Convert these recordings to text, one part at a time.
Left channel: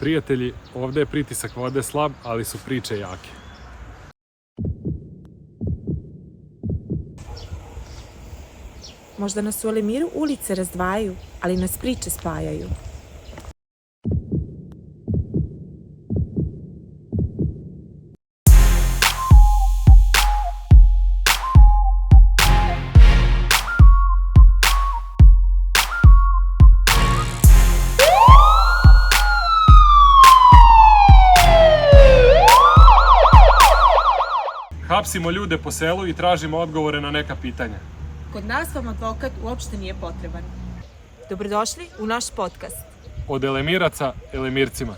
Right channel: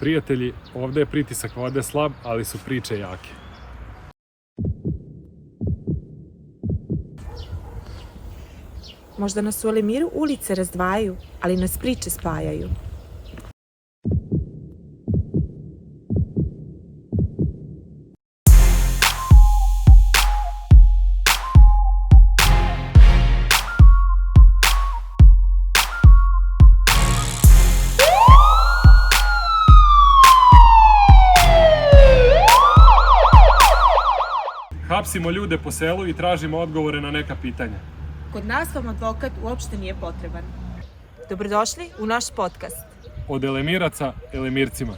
Prijatelji, ovdje je pritisak vode slab, ali su priče jake. Možda nas u Elemiru ulice razdvajaju, ali nas priče spajaju. Hapsimo ljude po selu i tražimo odgovore na neka pitanja. Kod nas vam advokat uopšte nije potreban. Dobrodošli u naš podcast. Od Elemiraca Elemircima.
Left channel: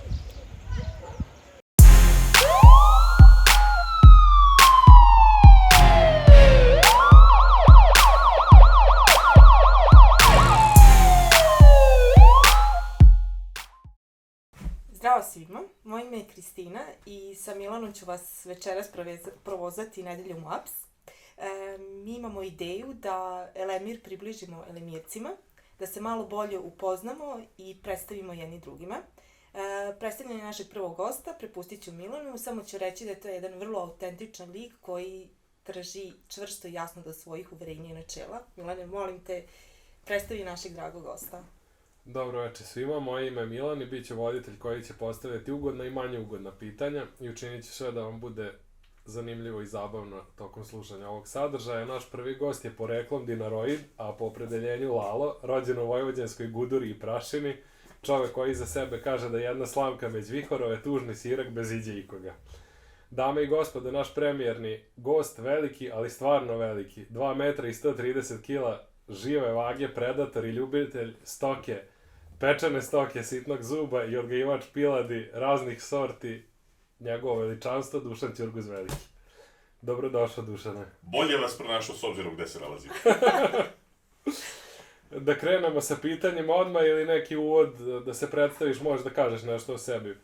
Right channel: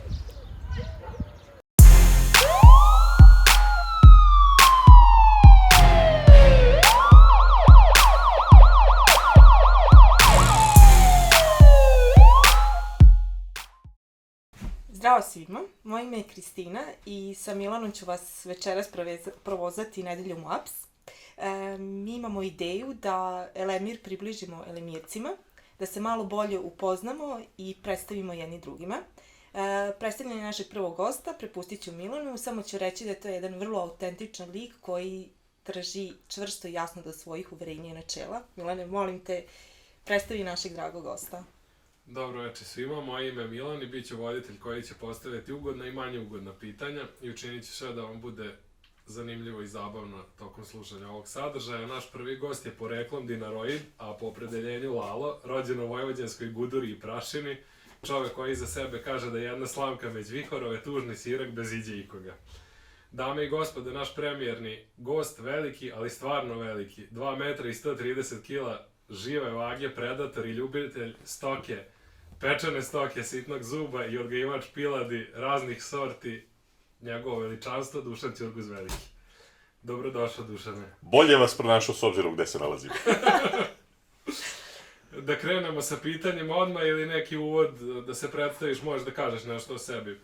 Zdravo svima, moje ime je Kristina i sa Milanom ću vas večeras provozati nedeljom u Aps. Mi imamo ideju da Elemir približimo Elemircima, da se malo bolje upoznamo i predstavimo jedni drugima. Predstavljanje našeg prvog gosta prepustit ću Milanu, samo ću reći da je to jedan vrlo autentičan lik koji drži čvrsto i jasno do svojih uverenja i načela. Milane, molim te, predstavi našeg dragog gosta. Dobro večer svima, moje ime je Milan i bit ću voditelj koji će postavljati ugodna i manje ugodna pitanja i učinit ću sve da vam bude zanimljivo i zabavno tokom slušanja ovog sadržaja. Naš prvi gost je poreklom Dinaroid, a po opredeljenju Lalo, rođen u vojvođanskoj Guduri i Prašini, čovek koji za sebe kaže da je jedna slamka bez vihorove, tužni sirak bez iđe ikoga. Dame i gospode, naš premijerni gost, veliki, ali stvarno veliki, 2 metra i 130 kila, žive vage, predator i ljubitelj stoke, pečene stoke, sitnog zuba i odgajivač piladi raznih sorti, njegovo veličanstvo, Dušan Ćurguz Veliki. Dobrodošao, Dušane. Bolje vas pronašao s obzirom gde se nalazim. Da krenemo sa pitanjima odmah ili neki uvod, da se predstaviš, možeš da kažeš nešto o sebi.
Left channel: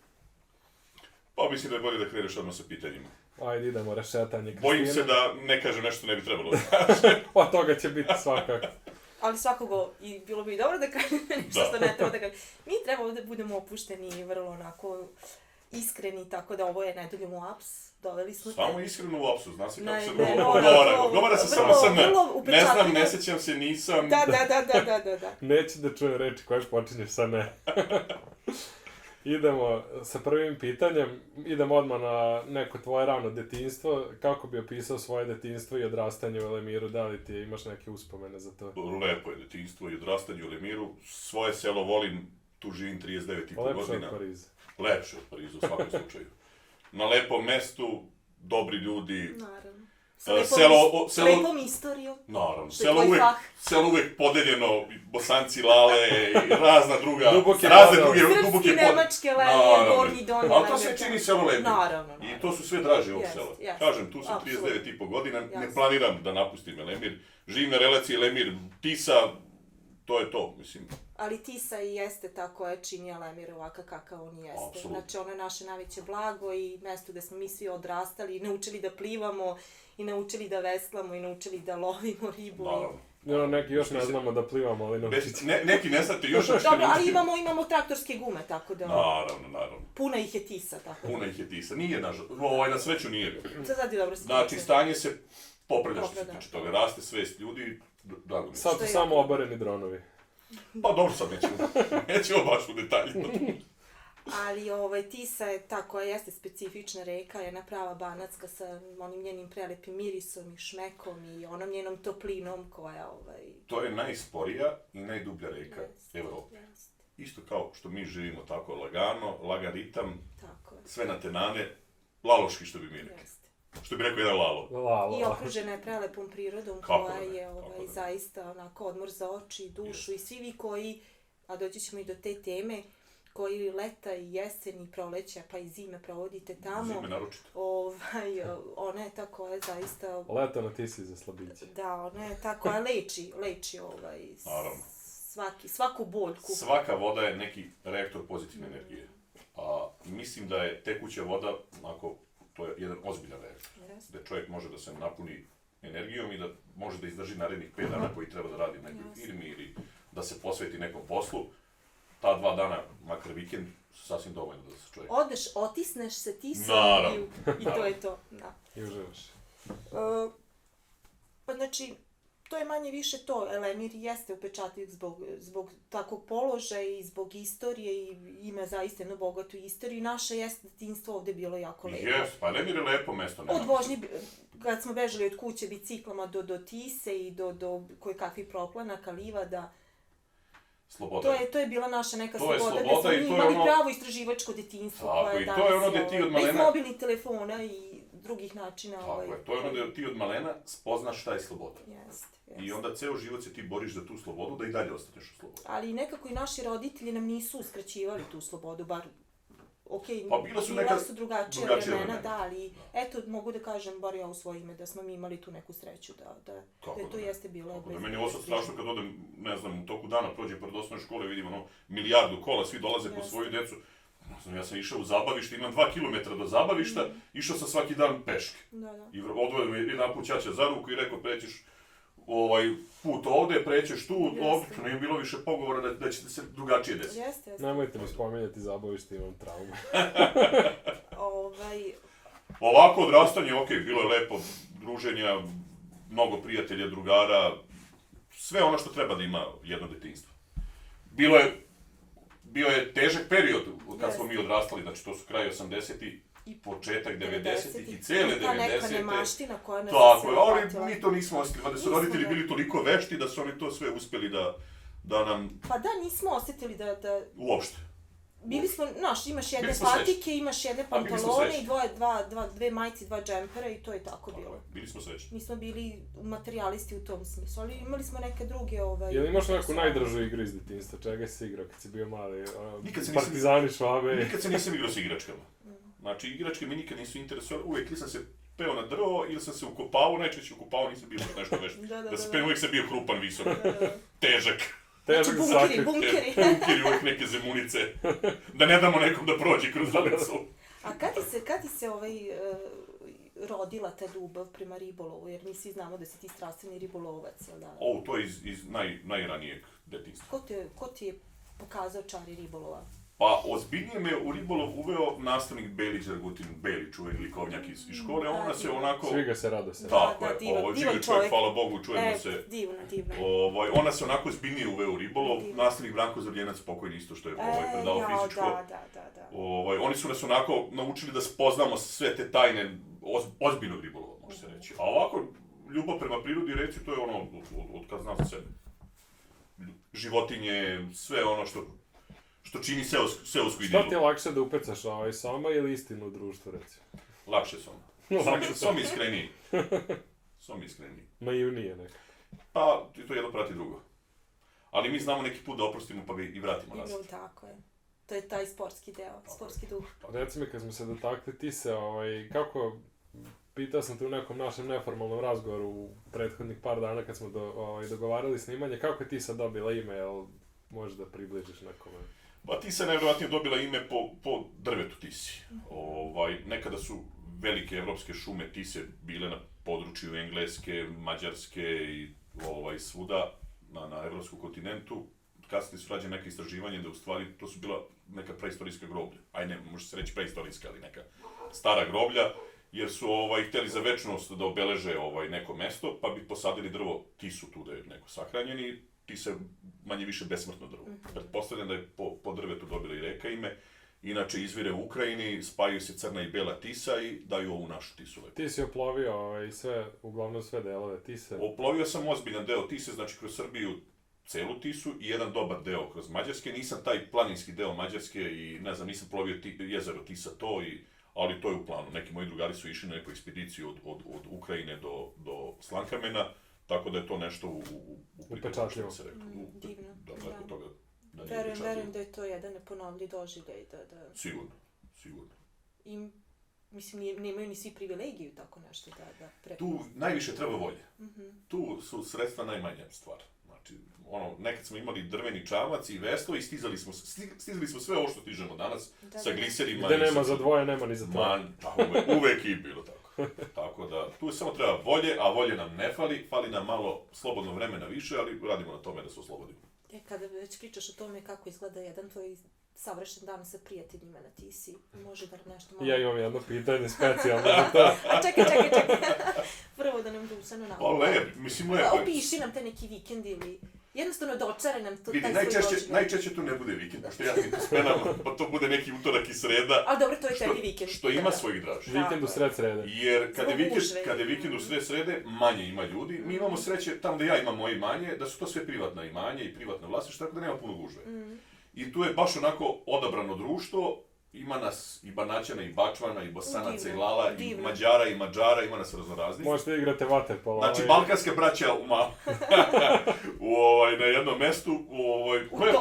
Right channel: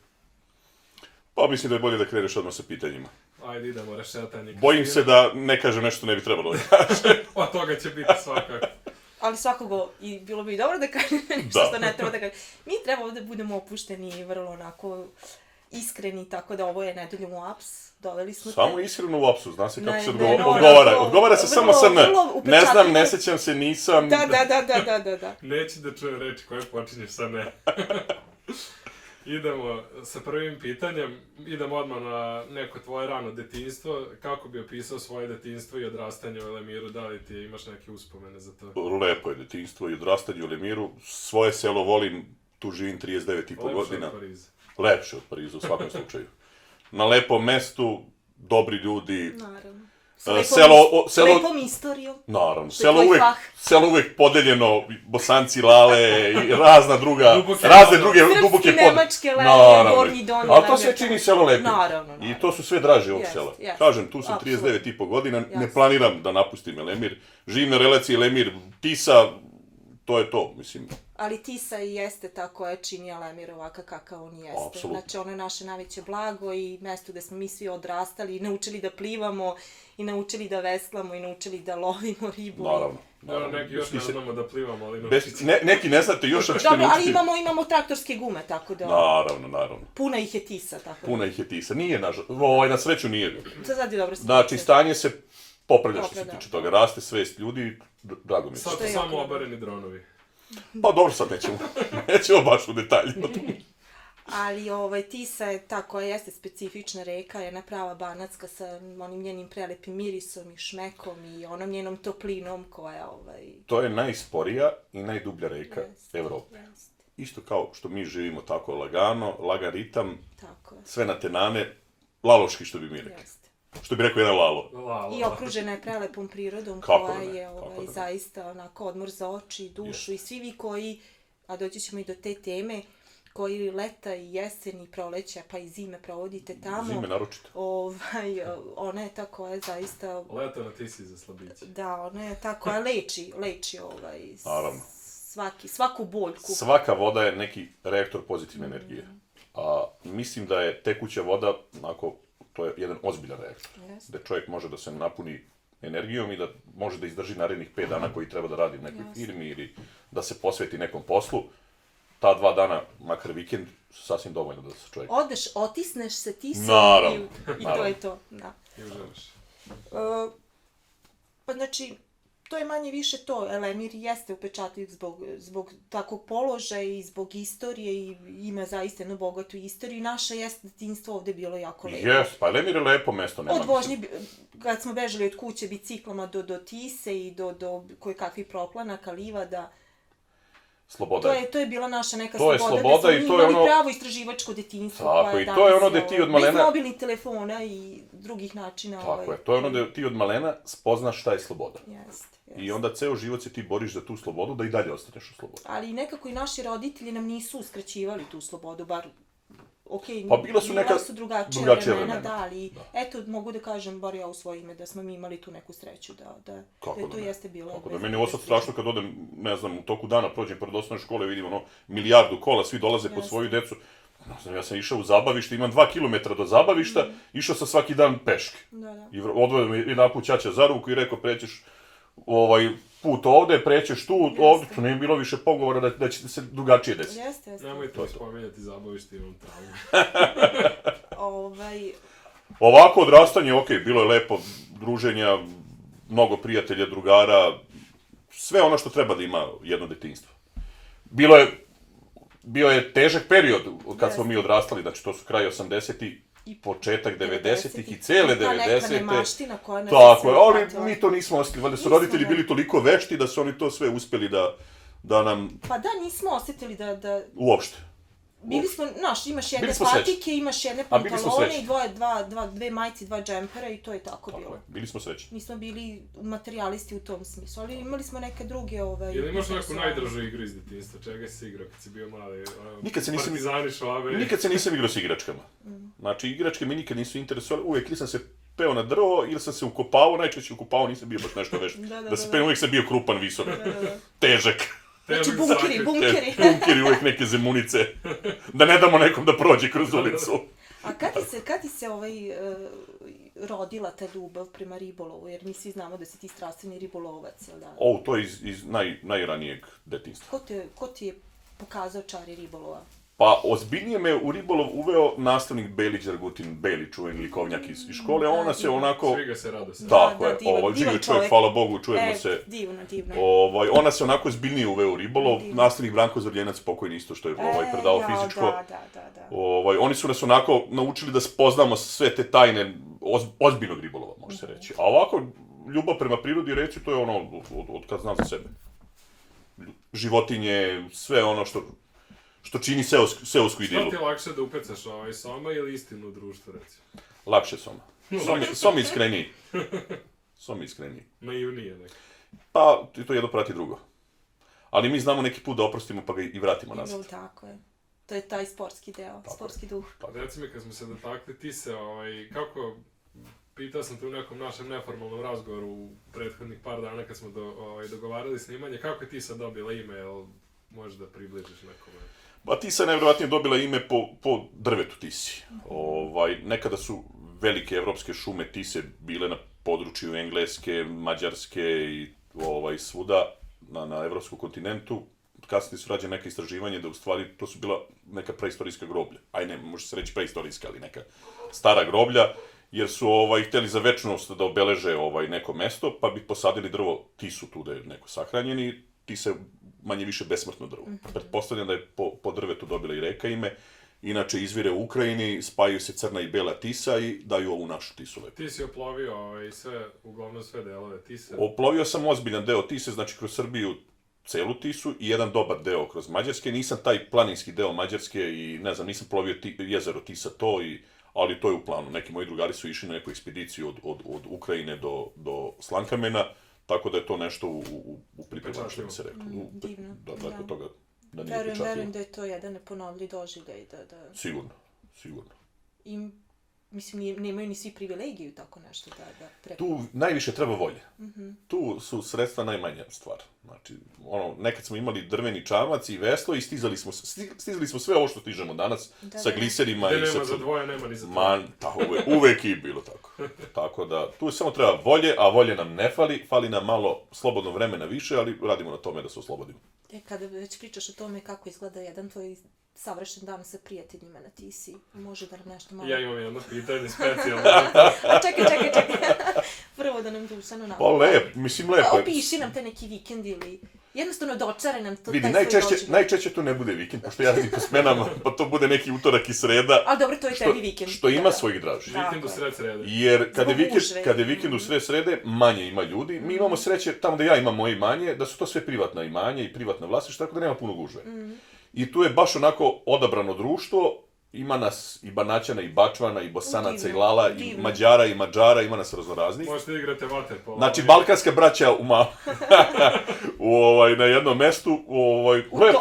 Pa mislim da je bolje da kreneš odmah sa pitanjima. Ajde, idemo, rešetanje. Bojim se da ne kažem nešto ne bi trebalo da kažem. Od toga će biti svakako. Ali svakogo, i bilo bi dobro da kažem nešto što ne treba da kažem. Mi treba da budemo opušteni i vrlo onako iskreni, tako da ovo je nedeljom u Aps. Doveli smo te. Samo iskreno u apsu, zna se kako se no, odgovara. Odgovara se vrlo, samo sa vrlo ne. Ne upečatljivo. znam, ne sećam se, nisam. Da. Neću da čujem reči koje počinje sa ne. Idemo sa prvim pitanjem. Idemo odmah na neko tvoje rano detinjstvo. Kako bi opisao svoje detinjstvo i odrastanje u Elemiru? Da li ti imaš neke uspomene za to? Lepo je detinjstvo i odrastanje u Elemiru. Svoje selo volim, tu živim 39,5 godina. Lepše od Pariza. Lepše od Pariza u svakom slučaju. Na lepom mestu, dobri ljudi. Naravno. Selo, lepom istorijom. Naravno, selo uvek podeljeno, Bosanci, Lale i razne druge duboke Srpski, Nemačke, Lelije, Gornji, Donji. Ali to sve čini selo lepim. Naravno. I to su sve draže ovog sela. Kažem, tu sam 39,5 godina, ne planiram da napustim Elemir. Živim na relaciji Elemir-Tisa, to je to, mislim. Ali Tisa i jeste ta koja čini Elemir ovakav kakav on jeste. Apsolutno. Znači, ono je naše najveće blago i mesto gde smo mi svi odrastali i naučili da plivamo i naučili da veslamo i naučili da lovimo ribu. Naravno. Neki još ne znamo da plivamo, ali neki ne znate, još hoćete Dobro, naučiti. ali imamo traktorske gume, tako da... Naravno. Puna ih je Tisa, tako da. Puna ih je Tisa. Nije, na sreću nije. To sad je dobro se Znači, stanje se popravlja što se tiče toga. Raste svest ljudi, drago mi se. Sad su samo obareni dronovi. Pa dobro, sad nećemo baš u detalje. Ali Tisa je ta koja jeste specifična reka, jedna prava banatska sa onim njenim prelepim mirisom i šmekom i onom njenom toplinom koja... To je najsporija i najdublja reka Evrope. Isto kao što mi živimo tako lagano, lagan ritam, sve na tenane, laloški što bi mi rekli. Što bi rekao jedan Lalo. I okružena je prelepom prirodom koja je zaista onako odmor za oči i dušu i svi vi koji, a doći ćemo i do te teme, koji leta i jesen i proleća pa i zime provodite tamo. Zime naročito. Ona je ta koja je zaista... Leta na Tisi za slabiće. Da, ona je ta koja leči svaku boljku. Svaka voda je neki reaktor pozitivne energije. A mislim da je tekuća voda, onako, to je jedan ozbiljan reaktor. Gde čovjek može da se napuni energijom i da može da izdrži narednih 5 dana koji treba da radi u nekoj firmi ili da se posveti nekom poslu. ta 2 dana, makar vikend, su sasvim dovoljno da se čovjek... Odeš, otisneš se tisom Naravno. i to je to. Da. I uživaš. Pa znači, to je manje više to. Elemir jeste upečatljiv zbog takvog položaja i zbog istorije i ima zaista jednu bogatu istoriju. Naše jeste detinjstvo ovde bilo jako lepo. Jes, pa Elemir je lepo mesto. Od vožnje, kad smo bežali od kuće biciklama do Tise i do kojekakvih proplanaka, livada. Sloboda. To je bila naša neka to sloboda, sloboda gde smo i to je imali ono... pravo istraživačko detinjstvo. Tako, i to je ono gde ti od malena... Bez mobilnih telefona i drugih načina. Tako je, to je ono gde ti od malena spoznaš šta je sloboda. Jeste. I onda ceo život se ti boriš za tu slobodu, da i dalje ostaneš u slobodi. Ali nekako i naši roditelji nam nisu uskraćivali tu slobodu, bar... Pa bila su drugačija vremena, da, ali eto, mogu da kažem, bar ja u svoje ime, da smo mi imali tu neku sreću, da to jeste bilo... Kako da, meni je ovo sad strašno kad odem, ne znam, u toku dana prođem pored osnovne škole, vidim ono, milijardu kola, svi dolaze po svoju decu. Ne znam, ja sam išao u zabavište, imam 2 kilometra do zabavišta, išao sam svaki dan peške. I odvojio me jedan put ćaća za ruku i rekao, prećeš put ovde, prećeš tu, ovde, tu nije bilo više pogovora da će se drugačije desiti. Jeste. Nemojte mi spomenjati zabavište, imam traumu. Ovako odrastanje, okej, bilo je lepo, druženja, mnogo prijatelja, drugara, sve ono što treba da ima jedno detinjstvo. Bio je težak period kad smo mi odrastali, znači to su kraj 80-ih, početak 90-ih i cele 90-te. Ta neka nemaština koja nas je sve uhvatila. Tako ali mi to nismo osjetili, valjda su roditelji bili toliko vešti da su oni to sve uspeli da nam... Pa da, nismo osjetili da... Uopšte. Bili smo, znaš, imaš jedne patike, imaš jedne pantalone i dve majice, 2 džempera i to je tako bilo. Bili smo srećni. Mi smo bili materijalisti u tom smislu, ali imali smo neke druge... Ili imaš neku najdražu igru iz detinjstva, čega si igrao kad si bio mali? Partizani, Švabe... Nikad se nisam igrao s igračkama. Znači, igračke me nikad nisu interesovali, uvijek ili sam se peo na drvo, ili sam se ukopavao, najčešće ukopavao, nisam bio baš nešto vešt. Da se peo, uvijek sam bio krupan, visok, težak. Znači bunkeri. Bunkeri, uvijek neke zemunice. Da ne damo nekom da prođe kroz ulicu. A kad ti se rodila ta ljubav prema ribolovu? Jer mi svi znamo da si ti strastveni ribolovac, jel da? To je iz najranijeg detinjstva. Ko ti je pokazao čari ribolova? Pa, ozbiljnije me u ribolov uveo nastavnik Belić Dragutin, Beli, čuveni likovnjak iz škole, ona se onako... Svi ga se rado se. Tako je, živi čovjek, hvala Bogu, čujemo se. Divno. Ona se onako ozbiljnije uveo u ribolov, nastavnik Branko Zavljenac, pokojni isto što je predao fizičko. Oni su nas onako naučili da spoznamo sve te tajne ozbiljnog ribolova, može se reći. A ovako, ljubav prema prirodi, reći, to je ono od kad znam za sebe. Životinje, sve ono što čini seosku idilu. Šta ti je lakše da upecaš, soma ili istinu u društvu, recimo? Lakše soma. Som iskreniji. Naivnije neko. Pa, to jedno prati drugo. Ali mi znamo neki put da oprostimo pa ga i vratimo nazad. Tako je. To je taj sportski deo, sportski duh. Pa reci mi, kad smo se dotakli, ti se, kako... Pitao sam te u nekom našem neformalnom razgovoru u prethodnih par dana kad smo dogovarali snimanje, kako je ti sad dobila ime, jel možeš da približiš nekome? Pa Tisa je najvjerovatnije dobila ime po drvetu Tisi. Nekada su velike evropske šume Tise bile na području Engleske, Mađarske i svuda na evropskom kontinentu. Kasnije su rađene neke istraživanje da u stvari to su bila neka preistorijska groblja. Može se reći preistorijska, ali neka stara groblja, jer su htjeli za večnost da obeleže neko mesto, pa bi posadili drvo Tisu tu da je neko sahranjen i Tisa je manje više besmrtno drvo. Pretpostavljam da je po drvetu dobila i reka ime. Inače, izvire u Ukrajini, spajaju se crna i bela Tisa i daju ovu našu Tisu. Ti si oplovio uglavnom sve delove Tise? Oplovio sam ozbiljan deo Tise, znači kroz Srbiju celu Tisu i jedan dobar deo kroz Mađarske. Nisam taj planinski deo Mađarske i ne znam, nisam plovio jezero Tisa to, ali to je u planu. Neki moji drugari su išli na neku ekspediciju od Ukrajine do Slankamena. Tako da je to nešto u pripremu, što bi se rekao. Divno. Da nije upečatljivo. Verujem da je to jedan neponovljiv doživljaj. Sigurno. I, mislim, nemaju ni svi privilegiju tako nešto da prepoznaju. Tu najviše treba volje. Tu su sredstva najmanja stvar. Znači, nekad smo imali drveni čamac i veslo i stizali smo sve ovo što stižemo danas sa gliserima. Gde nema za dvoje, nema ni za troje. Tako, uvek i bilo tako. Tako da, tu samo treba volje, a volje nam ne fali nam malo slobodno vremena više, ali radimo na tome da se oslobodimo. Kada već pričaš o tome kako izgleda jedan tvoj savršen dan sa prijateljima na Tisi, može da nam nešto malo... Ja imam jedno pitanje specijalno. A čekaj. Prvo da nam Dušanu Pa napravi. lepo je. Opiši nam te neki vikend ili... Jednostavno dočare nam to, Vidi, taj svoj doživljaj. najčešće to ne bude vikend, pošto ja radim po smenama, pa to bude neki utorak i sreda. Ali dobro, to je tebi vikend. Što ima svojih draži. Vikend u sred srede. Jer kada Zbog je vikend u sred srede, manje ima ljudi. Mi imamo sreće, tamo da ja imam moje imanje, da su to sve privatna imanja i privatna vlasništva, tako da nema puno gužve. I tu je baš onako odabrano društvo, ima nas i Banaćana, i Bačvana, i Bosanaca, i Lala, i Mađara, i Mađara, ima nas raznoraznih. Možete igrate vaterpolo. Znači, balkanska braća na jednom mestu,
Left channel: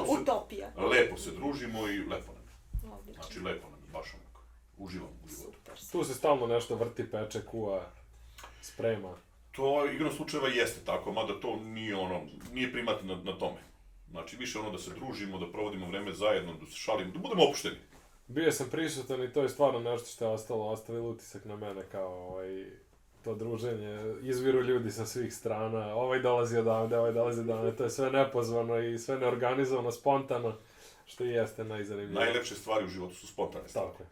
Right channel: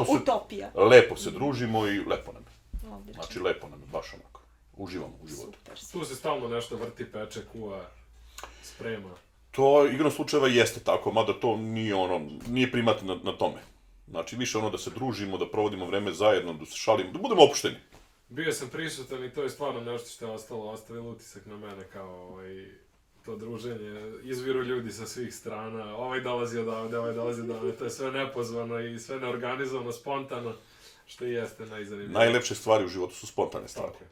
Utopija. lepo se družimo i lepo nam je. Odlično. Znači, lepo nam je, baš onako. Uživamo u životu. Super. Tu se stalno nešto vrti, peče, kuva, sprema. To igrom slučajeva jeste tako, mada to nije primat na tome. Znači, više da se družimo, da provodimo vreme zajedno, da se šalimo, da budemo opušteni. Bio sam prisutan i to je stvarno nešto što je ostavilo utisak na mene kao to druženje. Izviru ljudi sa svih strana, ovaj dolazi odavde, to je sve nepozvano i sve neorganizovano, spontano, što i jeste najzanimljivije. Najlepše stvari u životu su spontane stvari. Tako je.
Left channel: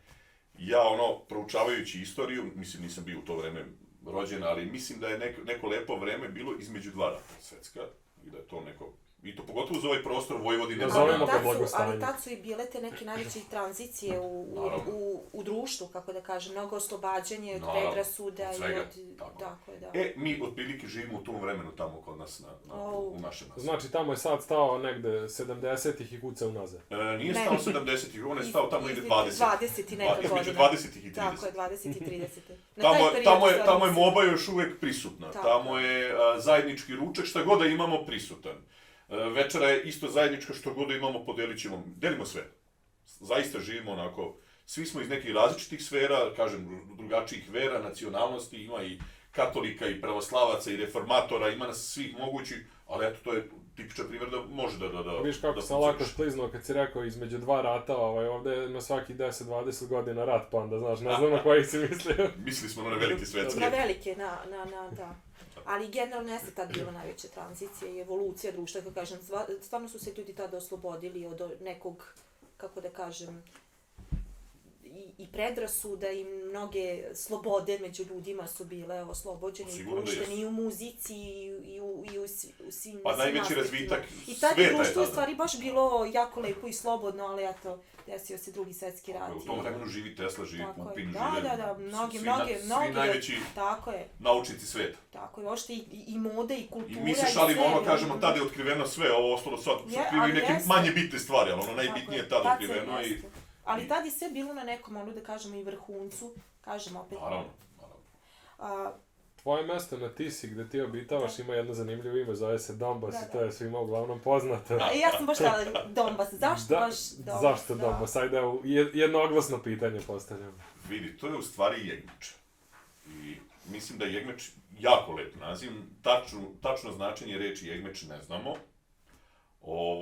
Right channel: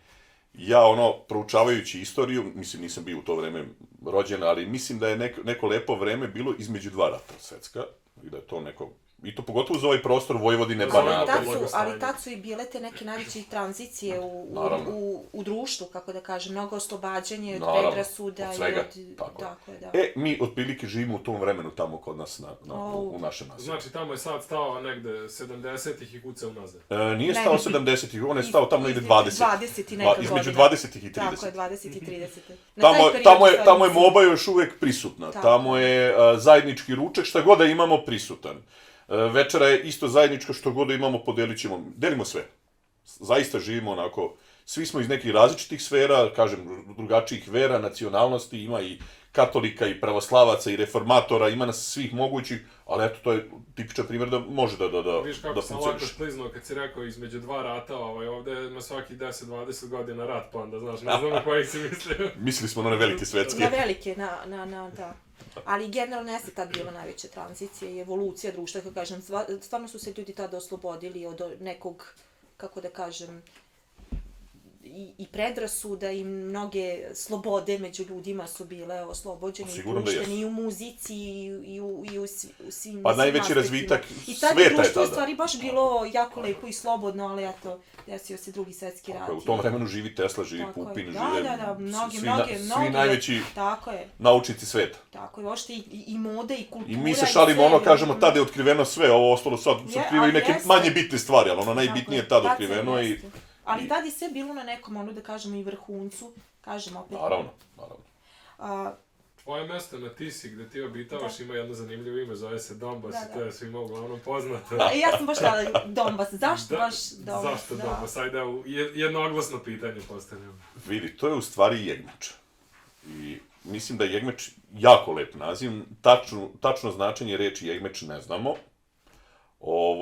Ja, proučavajući istoriju, mislim, nisam bio u to vreme rođen, ali mislim da je neko lepo vreme bilo između dva rata svetska, i da je to neko... I to pogotovo za ovaj prostor Vojvodine, Banata. Ali tad su i bile te neke najveće tranzicije u društvu, kako da kažem, mnogo oslobađanje od predrasuda i od... Tako je, da. Mi otprilike živimo u tom vremenu tamo kod nas u našem naselju. Znači, tamo je sad stao negde 70-ih i kuca unazad. Nije stao 70-ih, on je stao tamo negde 20. 20 i neka godina. Između 20-ih i 30. Tako je, 20 i 30. Tamo je moba još uvek prisutna. Tamo je zajednički ručak, šta god da imamo prisutan. Večera je isto zajednička, što god da imamo, podelit ćemo, delimo sve. Zaista živimo onako, svi smo iz nekih različitih sfera, kažem, drugačijih vera, nacionalnosti, ima i katolika, i pravoslavaca, i reformatora, ima nas svih mogućih, ali eto, to je tipičan primjer da može da funkcioniš. Viš kako sam lako skliznuo kad si rekao između dva rata, ovde je na svaki 10-20 godina rat, pa onda, znaš, ne znam na kojih si mislio. Mislili smo na one velike svetske. Na velike, da. Ali generalno jeste tad bila najveća tranzicija i evolucija društva, kako kažem, stvarno su se ljudi tada oslobodili od nekog, kako da kažem, i predrasuda i mnoge slobode među ljudima su bile oslobođene i puštene i u muzici i u svim pa najveći razvitak sveta je tada. I tad je društvo u stvari baš bilo jako lepo i slobodno, ali eto, desio se drugi svetski rat. U tom vremenu živi Tesla, živi Pupin, žive mnogi najveći naučnici sveta. Tako je, ošte i moda i kultura. I mi se šalimo, kažemo, tada je otkriveno sve, ovo ostalo sad su otkrivaju neke manje bitne stvari, ali najbitnije je tada otkriveno i... Ali tad je sve bilo na nekom, da kažemo, i vrhuncu, kažem opet. Naravno. Tvoje mesto na Tisi, gde ti obitavaš, ima jedno zanimljivo ime, zove se Donbas i to je svima uglavnom poznato. Ja sam baš htjela Donbas, zašto baš Donbas? Zašto Donbas? Ajde, jednoglasno pitanje postavljam. Vidi, to je u stvari Jegmeč. I mislim da je Jegmeč jako lep naziv, tačno značenje reči Jegmeč ne znamo.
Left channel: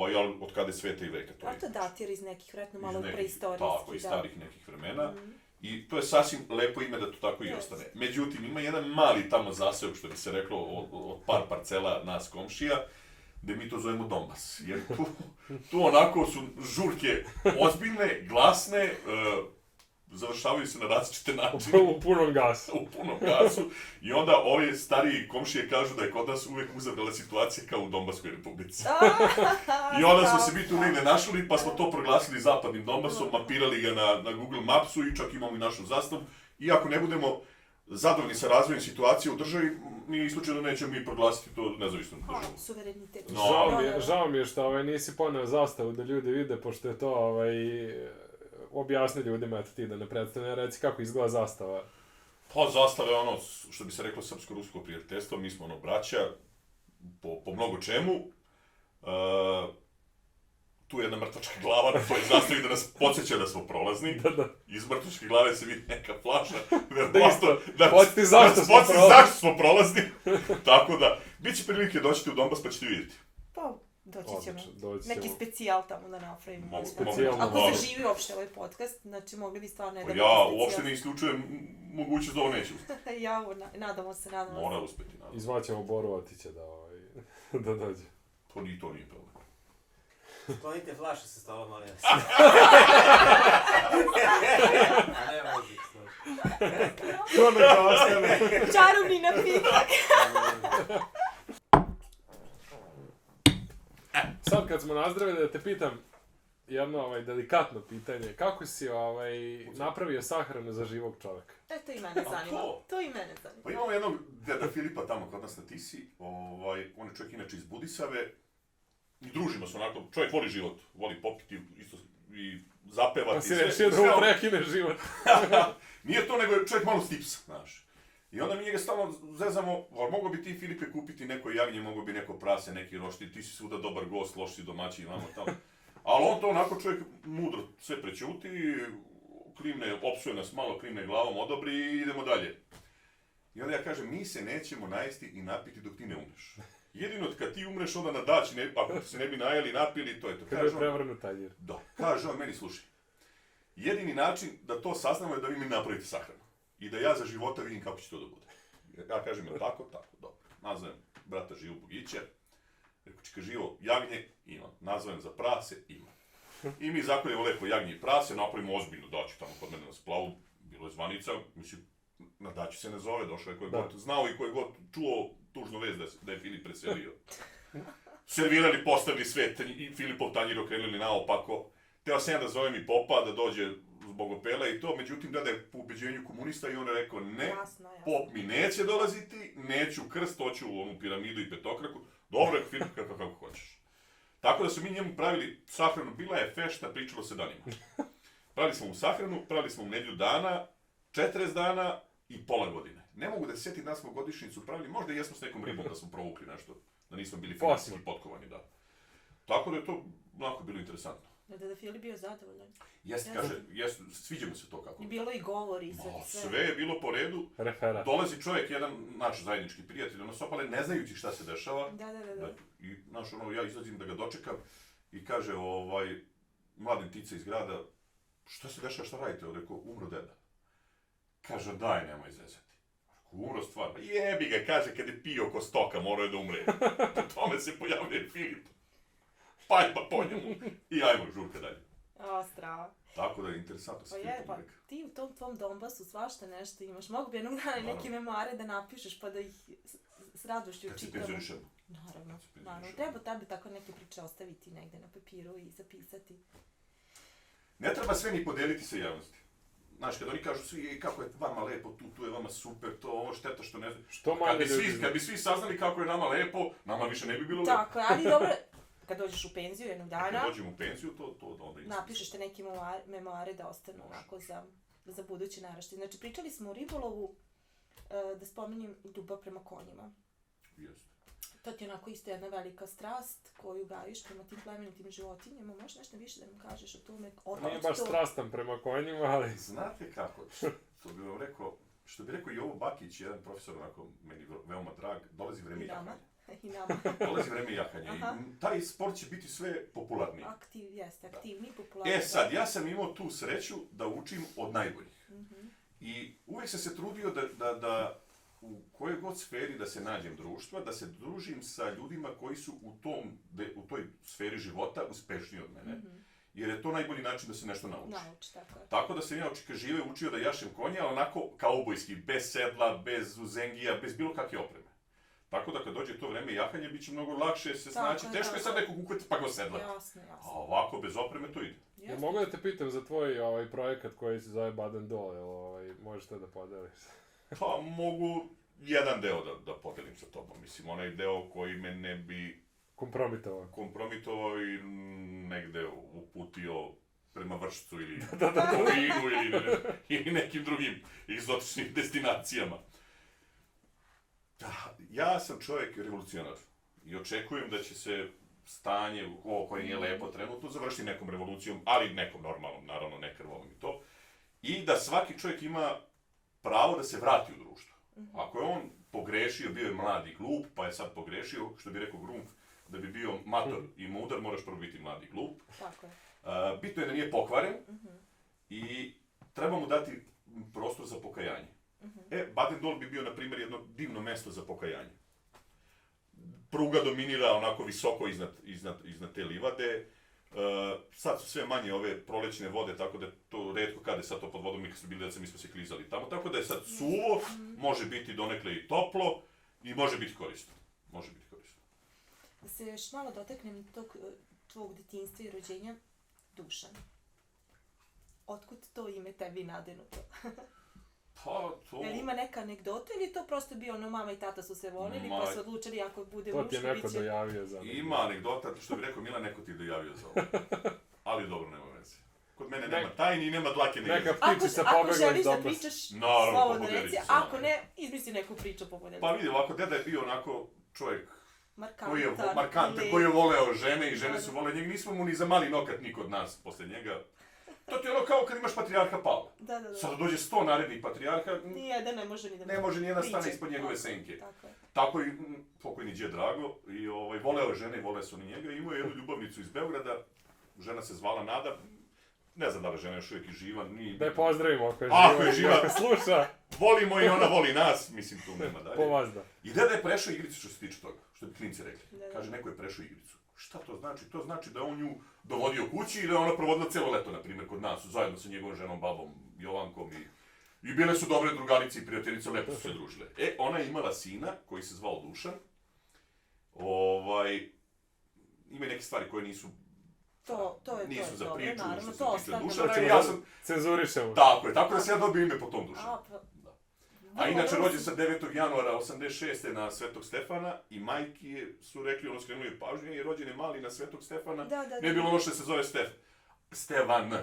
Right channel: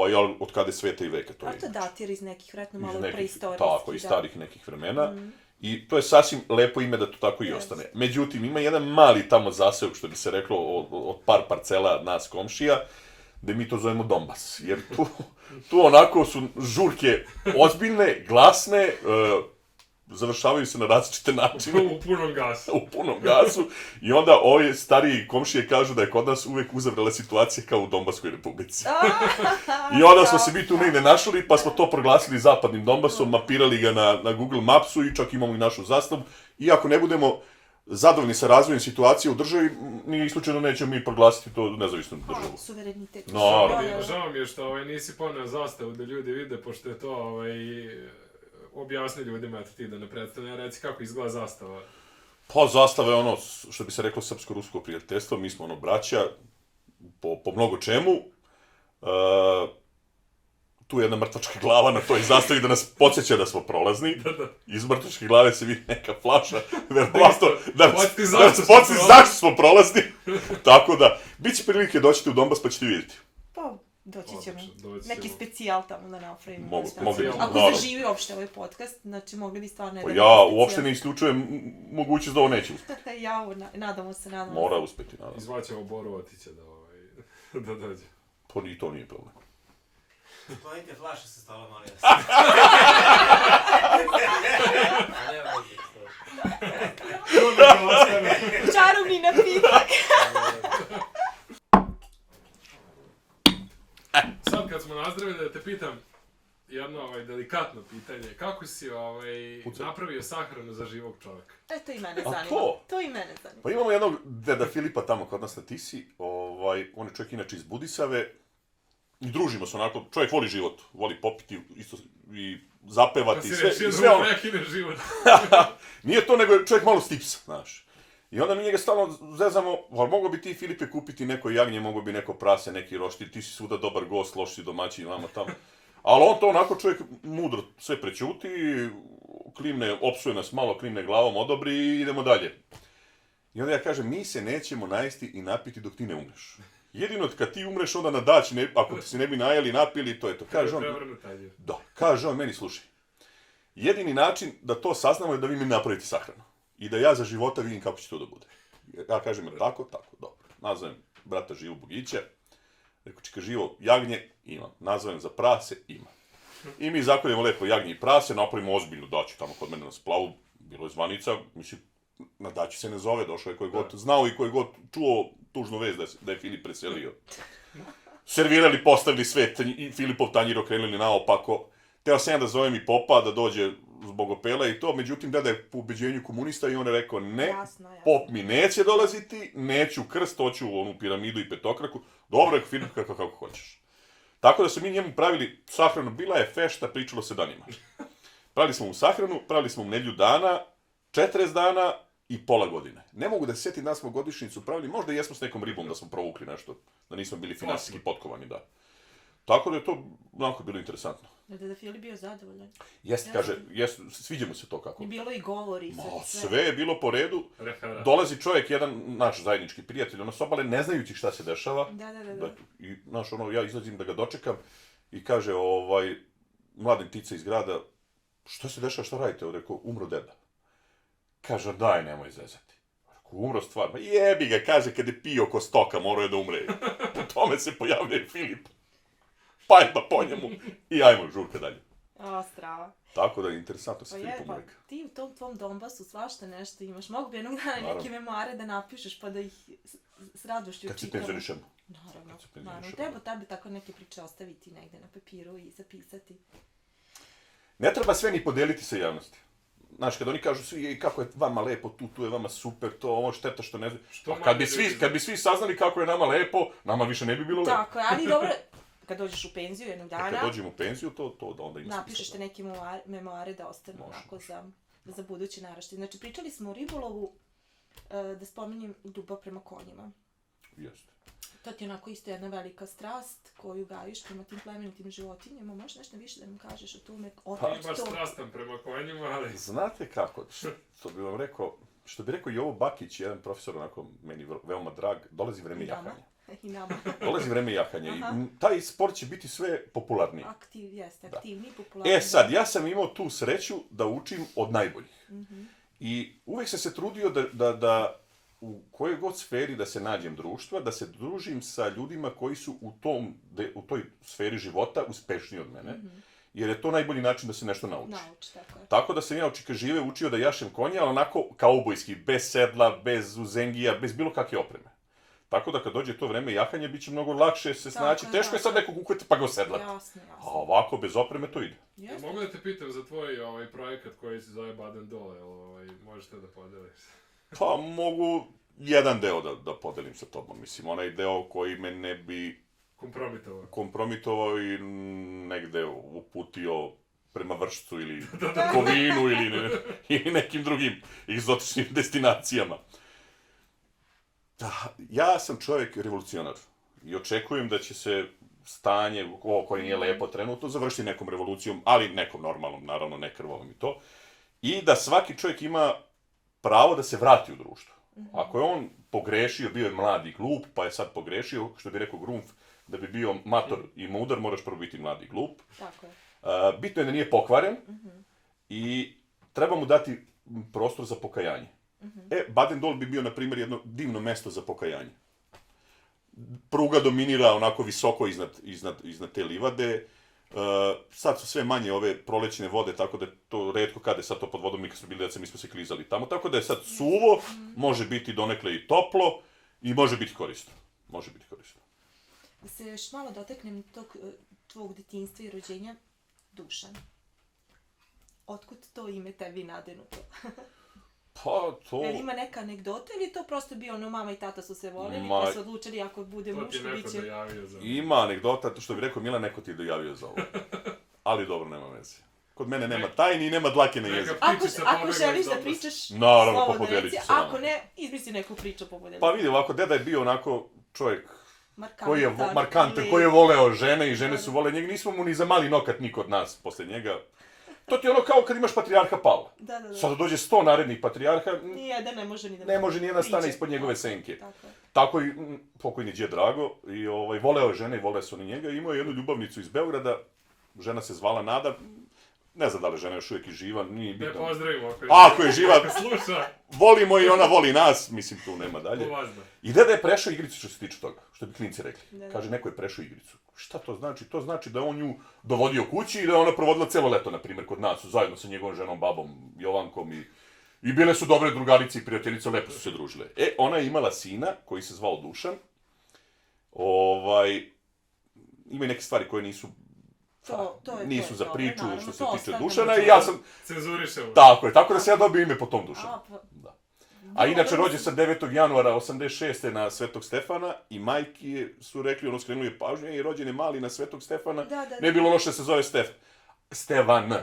Ali od kada je sveta i veka to je. A to datira iz nekih, vjerojatno malo preistorijskih. Tako, iz starih nekih vremena. I to je sasvim lepo ime da to tako i ostane. Međutim, ima jedan mali tamo zaseok, što bi se reklo, od par parcela nas komšija, gde mi to zovemo Donbas. Jer tu onako su žurke ozbiljne, glasne, završavaju se na različite načine. U punom gasu. U punom gasu. I onda ovi stariji komšije kažu da je kod nas uvek uzavrela situacija kao u Donbaskoj republici. I onda smo se mi tu negde našli, pa smo to proglasili zapadnim Donbasom, mapirali ga na Google Mapsu i čak imamo i našu zastavu. I ako ne budemo zadovoljni sa razvojem situacije u državi, nije isključeno nećemo mi proglasiti to nezavisnom državu. Suverenitet. Žao mi je što nisi poneo zastavu da ljudi vide, pošto je to objasni ljudima, eto ti da ne predstavlja, reci kako izgleda zastava. Pa zastava je ono, što bi se reklo, srpsko-rusko prijateljstvo, mi smo braća po mnogo čemu. Tu je jedna mrtvačka glava na toj zastavi da nas podsjeća da smo prolazni. Iz mrtvačke glave se vidi neka flaša, verovatno da nas podsjeća zašto smo prolazni. Tako da, bit će prilike doćete u Donbas pa ćete vidjeti. Pa, doći ćemo. Neki specijal tamo da napravimo. Ako zaživi uopšte ovaj podcast, znači mogli bi stvarno jedan specijal. Ja uopšte ne isključujem mogućnost da ovo neće uspjeti. Nadamo se. Mora uspjeti, nadamo. Izvaćemo Borovatića da dođe. Pa i to nije problem. Sklonite flaše sa stola, molim vas. Ne vezi, To neka ostane. Čarobni napitak. Sad kad smo nazdravili da te pitam jedno delikatno pitanje, kako si napravio sahranu za živog čovjeka? To i mene zanima. To i mene zanima. Pa imamo jednog deda Filipa tamo kod nas na Tisi, on je čovjek inače iz Budisave, i družimo se onako, čovjek voli život, voli popiti isto i zapevati. Pa si rešio da mu prekine život. Nije to, nego je čovjek malo stipsa, znaš. I onda mi njega stalno zezamo, ali mogo bi ti, Filipe, kupiti neko jagnje, mogo bi neko prase, neki roštilj, ti si svuda dobar gost, loš si domaćin, vamo tamo. Ali on to onako čovjek mudro sve prećuti, klimne, opsuje nas malo, klimne glavom, odobri i idemo dalje. I onda ja kažem, mi se nećemo najesti i napiti dok ti ne umreš. Jedino kad ti umreš, onda na dać, ako ti se ne bi najeli i napili, to je to. Kaže on meni, slušaj, jedini način da to saznamo je da vi mi napravite sahranu. I da ja za života vidim kako će to da bude. Ja kažem, tako, dobro. Nazovem brata Živu Bogića. Rekao, čeka živo, jagnje, ima. Nazovem za prase, ima. I mi zakoljemo lepo jagnje i prase, napravimo ozbiljnu daću tamo kod mene na splavu. Bilo je zvanica, mislim, na daći se ne zove, došao je koji god znao i koji god čuo tužnu vest da je Filip preselio. Servirali, postavili sve, i Filipov tanjir okrenuli naopako. Teo sam ja da zovem i popa, da dođe zbog opela i to, međutim, deda je po ubeđenju komunista i on je rekao, ne, pop mi neće dolaziti, neću krst, hoću u onu piramidu i petokraku, dobro je, Filip, kako hoćeš. Tako da su mi njemu pravili sahranu, bila je fešta, pričalo se danima. Pravili smo mu sahranu, pravili smo mu nedjelju dana, 40 dana i pola godine. Ne mogu da se sjetim da smo godišnjicu pravili, možda i jesmo s nekom ribom da smo provukli nešto, da nismo bili finansijski potkovani, da. Tako da je to onako bilo interesantno. Je da Filip bio zadovoljan? Jeste, kaže, sviđa mu se to kako. I bilo i govori i sve. Sve je bilo po redu. Dolazi čovjek, jedan naš zajednički prijatelj, ono s obale, ne znajući šta se dešava. Da. I, znaš, ja izlazim da ga dočekam i kaže, mladen Tica iz grada, što se dešava, šta radite? Rekao, umro deda. Kaže, daj, nemoj zezati. Rekao, umro stvarno. Jebi ga, kaže, kad je pio ko stoka, morao je da umre. Po tome se pojavlja Filip. Pa po njemu i ajmo žurka dalje. Strava. Tako da je interesantno sa Filipom uvijek. Ti u tom tvom Donbasu svašta nešto imaš. Mogu bi jednog dana neke memoare da napišeš pa da ih s radošću čitamo. Kad si penzorišem. Naravno. Treba tebi tako neke priče ostaviti negde na papiru i zapisati. Ne treba sve ni podeliti sa javnosti. Znaš, kad oni kažu svi kako je vama lepo, tu je vama super, to ovo šteta što ne znam. Kad bi svi saznali kako je nama lepo, nama više ne bi bilo lepo. Tako je, ali dobro. Kad dođeš u penziju jednog dana... Kad dođem u penziju, to da onda ima... Napišeš te neke memoare da ostanu onako za budući naraštaj. Znači, pričali smo o ribolovu, da spominjem ljubav prema konjima. Jeste. To ti je onako isto jedna velika strast koju gajiš prema tim plemenitim životinjama. Možeš nešto više da nam kažeš o tome? Pa baš strastan prema konjima, ali... Znate kako, što bi rekao Jovo Bakić, jedan profesor onako meni veoma drag, dolazi vreme jahanja. I nama. Dolazi vreme jahanja i taj sport će biti sve popularniji. Aktivniji, popularniji. Sad, ja sam imao tu sreću da učim od najboljih. I uvijek sam se trudio da u kojoj god sferi da se nađem društva, da se družim sa ljudima koji su u toj sferi života uspešniji od mene. Jer je to najbolji način da se nešto nauči. Tako da sam ja od čika žive učio da jašem konja, ali onako kaubojski, bez sedla, bez uzengija, bez bilo kakve opreme. Tako da kad dođe to vreme jahanja, bit će mnogo lakše se snaći. Teško je sad nekog uhvatiti pa ga osedlati. Jasno. A ovako, bez opreme, to ide. Mogu da te pitam za tvoj projekat koji se zove Baden Dole, možeš te da podeliš? Pa mogu jedan deo da podelim sa tobom. Mislim, onaj deo koji me ne bi kompromitovao i negde uputio prema Vršcu ili Kovinu ili nekim drugim egzotičnim destinacijama. Ja sam čovjek revolucionar i očekujem da će se stanje koje nije lepo trenutno završiti nekom revolucijom, ali nekom normalnom, naravno ne krvavom i to. I da svaki čovjek ima pravo da se vrati u društvo. Ako je on pogrešio, bio je mlad i glup, pa je sad pogrešio, što bi rekao Grunf, da bi bio mator i mudar, moraš prvo biti mlad i glup. Tako je. Bitno je da nije pokvaren i treba mu dati prostor za pokajanje. Baden Dol bi bio, na primjer, jedno divno mesto za pokajanje. Pruga dominira onako visoko iznad te livade, Sad su sve manje ove prolećne vode, tako da je to retko kada je sad to pod vodom, mi kad smo bili deca, mi smo se klizali tamo, tako da je sad suvo, može biti donekle i toplo i može biti korisno. Može biti korisno. Da se još malo dotaknem tog tvog detinjstva i rođenja, Dušan. Otkud to ime tebi nadenuto? Pa to... Jel ima neka anegdota ili je to prosto bio ono mama i tata su se volili pa su odlučili ako bude To ti je muško neko bit će... dojavio za... Ima anegdota, što bi rekao Mila, neko ti je dojavio za ovo. Ali dobro, nema veze. Kod mene nema tajni i nema dlake na jeziku. Ako želiš da pričaš, Naravno, slobodno popodelit reci, ću se vama. ako ne, izmisli neku priču popodelit. Pa vidi, ovako, deda je bio onako čovjek koji je Markantan, markantan, koji je voleo žene i žene su vole njega. Nismo mu ni za mali nokat niko od nas posle njega. To ti je ono kao kad imaš patrijarha Pavla. Da. Sad dođe 100 narednih patrijarha, Nijedan ne može ni da... ne može nijedan priđe. stane ispod njegove senke. Tako je. Tako i pokojni djed Drago, i voleo je žene i vole su oni njega. Imao je jednu ljubavnicu iz Beograda, žena se zvala Nada, ne znam da li žena još uvijek je živa, nije Ne bitno. pozdravimo Ako je živa, ako sluša. volimo i ona voli nas, mislim tu nema dalje. Povazda. I deda je prešao igricu što se tiče toga, što bi klinci rekli. Da. Kaže, neko je prešao igricu. Šta to znači? To znači da je on nju dovodio kući i da je ona provodila cijelo leto, na primjer, kod nas, zajedno sa njegovom ženom, babom, Jovankom i bile su dobre drugarice i prijateljice, lepo su se družile. Ona je imala sina koji se zvao Dušan. Ima i neke stvari koje nisu nisu za priču što se tiče Dušana i ja sam... Cenzurišemo. Tako je, tako da se ja dobio ime po tom Dušanu. Pa... A inače rođen sam 9. januara 86. na Svetog Stefana i majki su rekli, skrenuli je pažnje i rođen je mali na Svetog Stefana. Ne je bilo loše da se zove Stevan.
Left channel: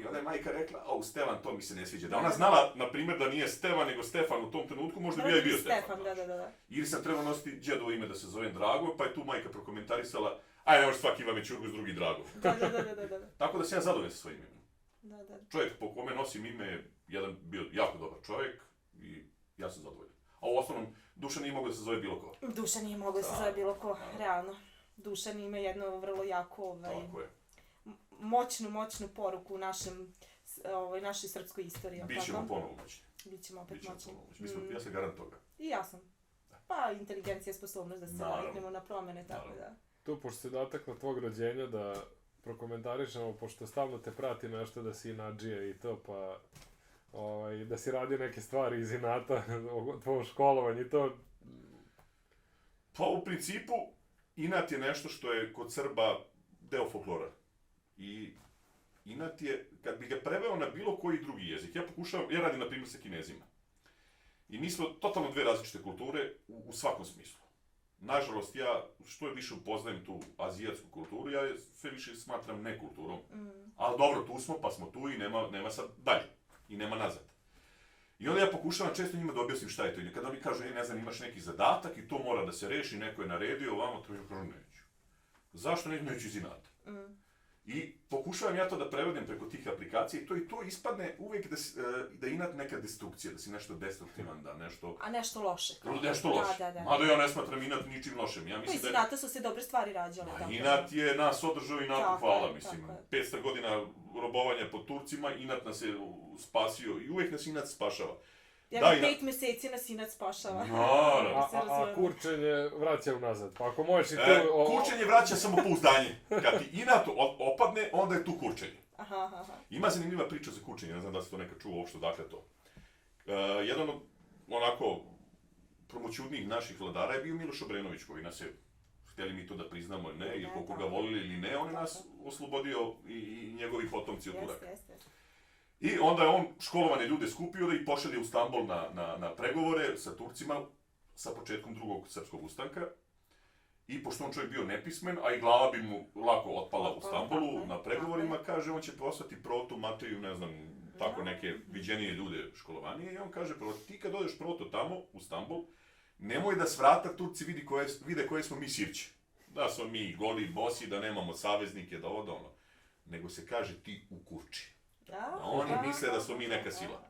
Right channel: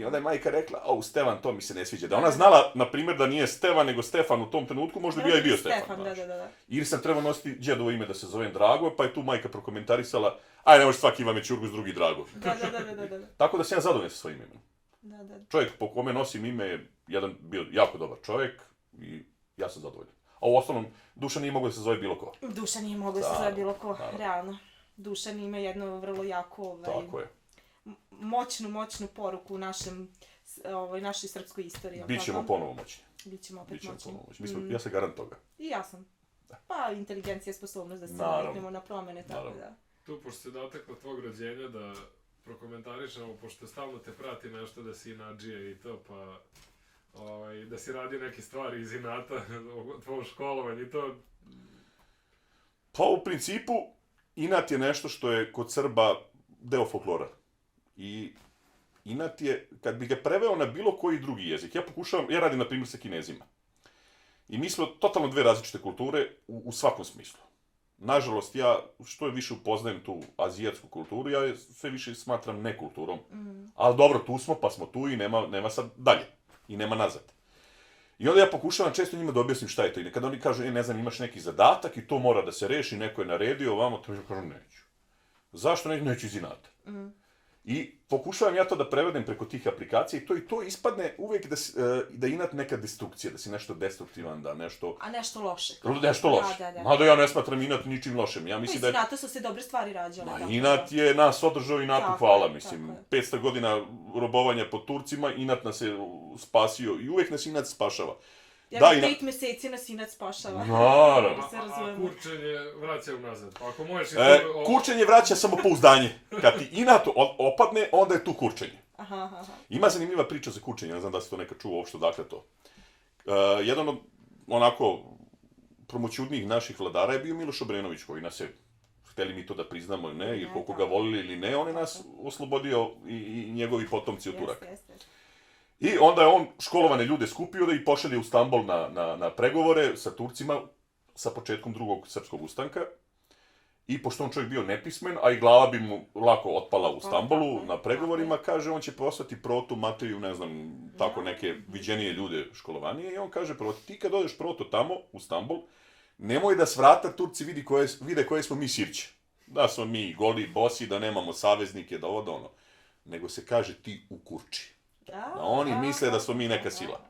I onda je majka rekla, Stevan, to mi se ne sviđa. Da ona znala, na primjer, da nije Stevan, nego Stefan u tom trenutku, možda bi ja i bio Stefan. Da. Ili sam trebao nositi djedovo ime da se zovem Drago, pa je tu majka prokomentarisala, aj ne može svaki Ivane Ćurgus, drugi Drago. Da. Tako da sam ja zadovoljan sa svojim imenom. Da. Čovjek po kome nosim ime je bio jako dobar čovjek i ja sam zadovoljan. A u osnovnom, Dušan nije mogao da se zove bilo ko. Dušan nije mogao da se zove bilo ko, realno. Dušan ima jedno vrlo jako, Tako je. moćnu poruku u našoj srpskoj istoriji. Bićemo ponovo moćni. Bićemo opet moćni. Ja se garant toga. I ja sam. Pa inteligencija, sposobnost da se naviknemo na promene, tako da. Tu, pošto se dotakla tvog rođenja, da prokomentarišemo, pošto stalno te prati nešto da si inadžija i to, pa da si radio neke stvari iz inata, tvojom školovanju i to. Pa u principu, inat je nešto što je kod Srba deo folklora. I inat je, kad bi ga preveo na bilo koji drugi jezik, ja radim na primjer sa Kinezima. I mi smo totalno dve različite kulture u svakom smislu. Nažalost, ja što je više upoznajem tu azijatsku kulturu, ja je sve više smatram nekulturom. Ali dobro, tu smo, pa smo tu i nema sad dalje. I nema nazad. I onda ja pokušavam često njima da objasnim šta je to. I kada oni kažu, ne znam, imaš neki zadatak i to mora da se reši, neko je naredio, ovamo, to kažu, neću. Zašto neću iz inata? I pokušavam ja to da prevedem preko tih aplikacija i to ispadne uvijek da inat neka destrukcija, da si nešto destruktivan, da nešto... A nešto loše. Nešto loše. Da. Mada ja ne smatram inat ničim lošem. Ja mislim iz inata su se dobre stvari rađale. Inat je nas održao i nakon hvala, mislim. 500 godina robovanja pod Turcima, inat nas je spasio i uvijek nas inat spašava. 5 meseci nas inat spašava. Naravno. A kurčenje vraća unazad. Pa ako možeš i to... Kurčenje vraća samopouzdanje. Kad ti inat opadne, onda je tu kurčenje. Aha. Ima zanimljiva priča za kurčenje, ne znam da se to nekad čuo uopšte, dakle to. Jedan od onako promoćudnijih naših vladara je bio Miloš Obrenović, koji nas je, hteli mi to da priznamo ili ne, ili koliko ga volili ili ne, on je nas oslobodio i njegovi potomci od Turaka. I onda je on školovane ljude skupio da ih pošalje u Stambol na pregovore sa Turcima sa početkom drugog srpskog ustanka. I pošto on čovjek bio nepismen, a i glava bi mu lako otpala u Stambolu na pregovorima, kaže on će poslati Protu, Mateju, ne znam, tako neke viđenije ljude školovanije. I on kaže, prvo, ti kad odeš Proto tamo, u Stambol, nemoj da s vrata Turci vide koje smo mi sirće. Da smo mi goli, bosi, da nemamo saveznike, da ovo da ono. Nego se kaže ti u kurči. Da oni misle da smo mi neka sila.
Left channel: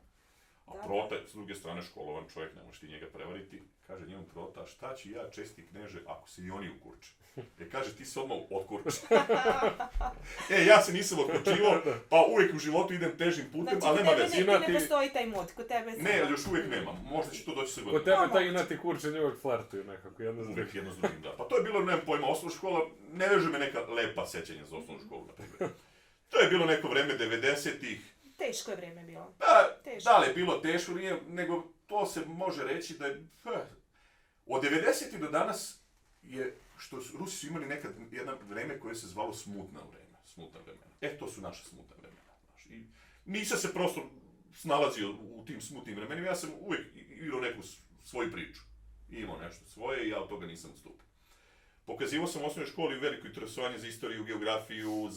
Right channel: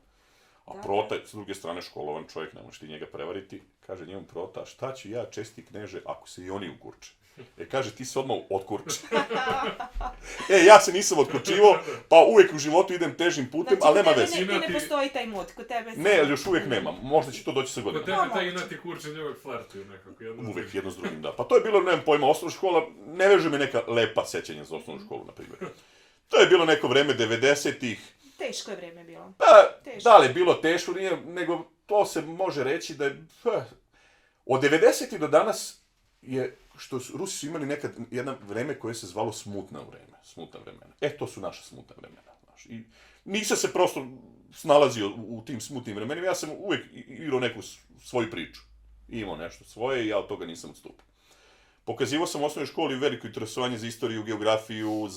A Prota je s druge strane školovan čovjek, ne možeš ti njega prevariti. Kaže njemu Prota, šta ću ja, česti kneže, ako se i oni ukurče. Kaže, ti se odmah otkurči. Ja se nisam otkurčivao, pa uvijek u životu idem težim putem, ali nema veze. Znači, ne postoji taj mod, kod tebe Ne, još uvijek nemam. Možda će to doći sa Kod godinama. tebe taj inati kurčenje uvijek flertuju nekako, Uvijek jedno s drugim, da. Pa to je bilo, nemam pojma, osnovna škola, ne veže me neka lepa sećanja za osnovnu školu, na primjer. To je bilo neko vreme 90-ih. Teško je vreme bilo. Da li je bilo teško, nije, nego to se može reći da je... Od 90-ih do danas je, što su, Rusi su imali nekad jedno vreme koje se zvalo smutna vremena. To su naša smutna vremena. Znaš. I nisam se prosto snalazio u tim smutnim vremenima, ja sam uvijek igrao neku svoju priču. Imao nešto svoje i ja od toga nisam odstupio. Pokazivao sam u osnovnoj školi veliko interesovanje za istoriju, geografiju,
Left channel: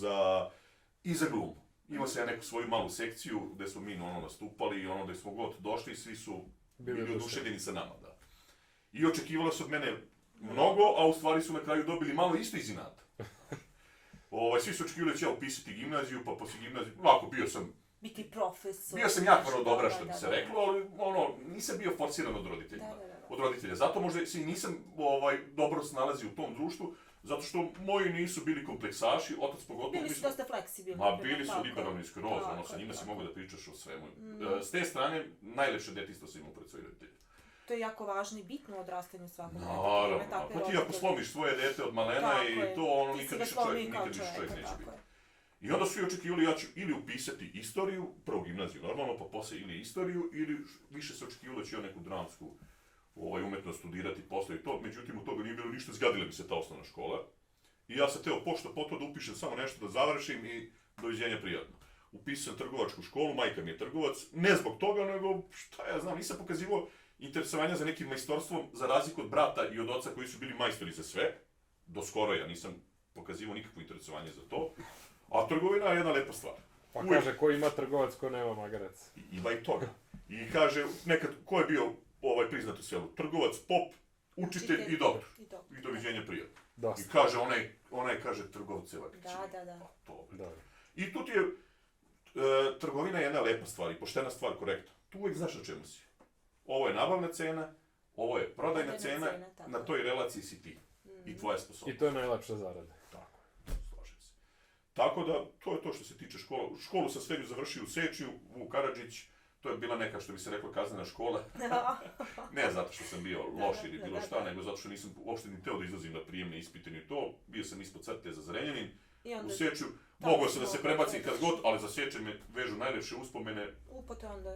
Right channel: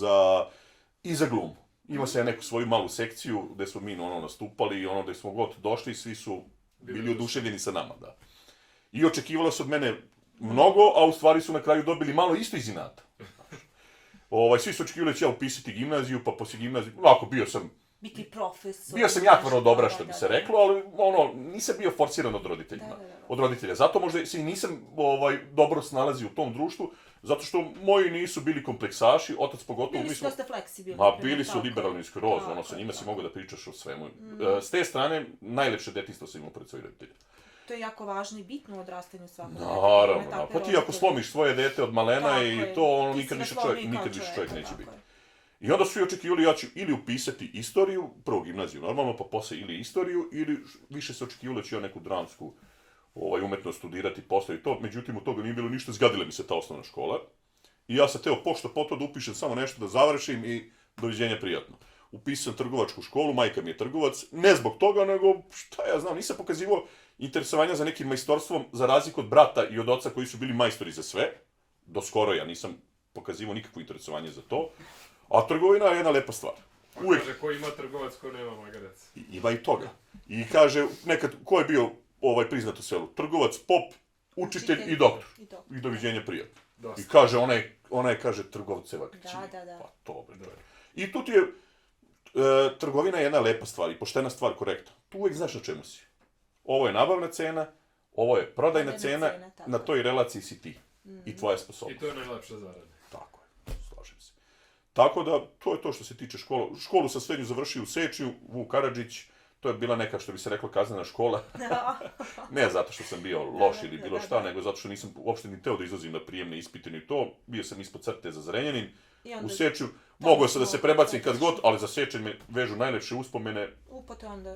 i za glumu. Imao sam ja neku svoju malu sekciju gdje smo mi nastupali i gdje smo god došli, svi su bili oduševljeni sa nama, da. I očekivalo se od mene mnogo, a u stvari su na kraju dobili malo isto iz inata. Svi su očekivali da ću ja upisati gimnaziju, pa poslije gimnazije, bio sam... Biti profesor. Bio sam jako dobra, što bi se reklo, ali nisam bio forciran od roditelja. Zato možda se i nisam dobro snalazio u tom društvu, zato što moji nisu bili kompleksaši, otac pogotovo... Bili su dosta fleksibilni. Bili su liberalni skroz, sa njima si mogu da pričaš o svemu. S te strane, najlepše detinjstvo sam imao pred svojih roditelja. To je jako važno i bitno u odrastanju svakog deteta. Naravno, pa ti ako slomiš svoje dete od malena i to nikad više čovjek neće biti. I onda su i očekivali ja ću ili upisati istoriju, prvo gimnaziju normalno, pa poslije ili istoriju, ili više se očekivalo da ću ja neku dramsku umetnost studirati, poslije to, međutim od toga nije bilo ništa, zgadila mi se ta osnovna škola. I ja sam teo pošto po to da upišem samo nešto da završim i doviđenja prijatno. Upisao sam trgovačku školu, majka mi je trgovac, ne zbog toga, nego šta ja znam, nisam pokazivao interesovanja za nekim majstorstvom, za razliku od brata i od oca koji su bili majstori za sve. Do skoro ja nisam pokazivao nikakvo interesovanje za to. A trgovina je jedna lepa stvar. Pa kaže, ko ima trgovac, ko nema magarac. Ima i toga. I kaže, nekad, ko je bio priznat u selu? Trgovac, pop, učitelj i doktor. I doviđenja prijatno. I kaže, onaj kaže trgovceva kćer. Da. Pa to, I tu ti je, trgovina je jedna lepa stvar i poštena stvar, korektna. Tu uvijek znaš na čemu si. Ovo je nabavna cena, ovo je prodajna cena, na toj relaciji si ti. I tvoja sposobnost. I to je najlepša zarada. Tako je, slažem se. Tako da, to je to što se tiče škola. Školu sam srednju završio u Sečnju, Vuk Karadžić, to je bila neka, što bi se rekla, kaznena škola. Ne zato što sam bio loš ili bilo šta, nego zato što nisam uopšte ni teo da izlazim na prijemne ispite ni to. Bio sam ispod crte za Zrenjanin, u Sečnju. Mogao sam da se prebacim kad god, ali za Sečanj me vežu najlepše uspomene.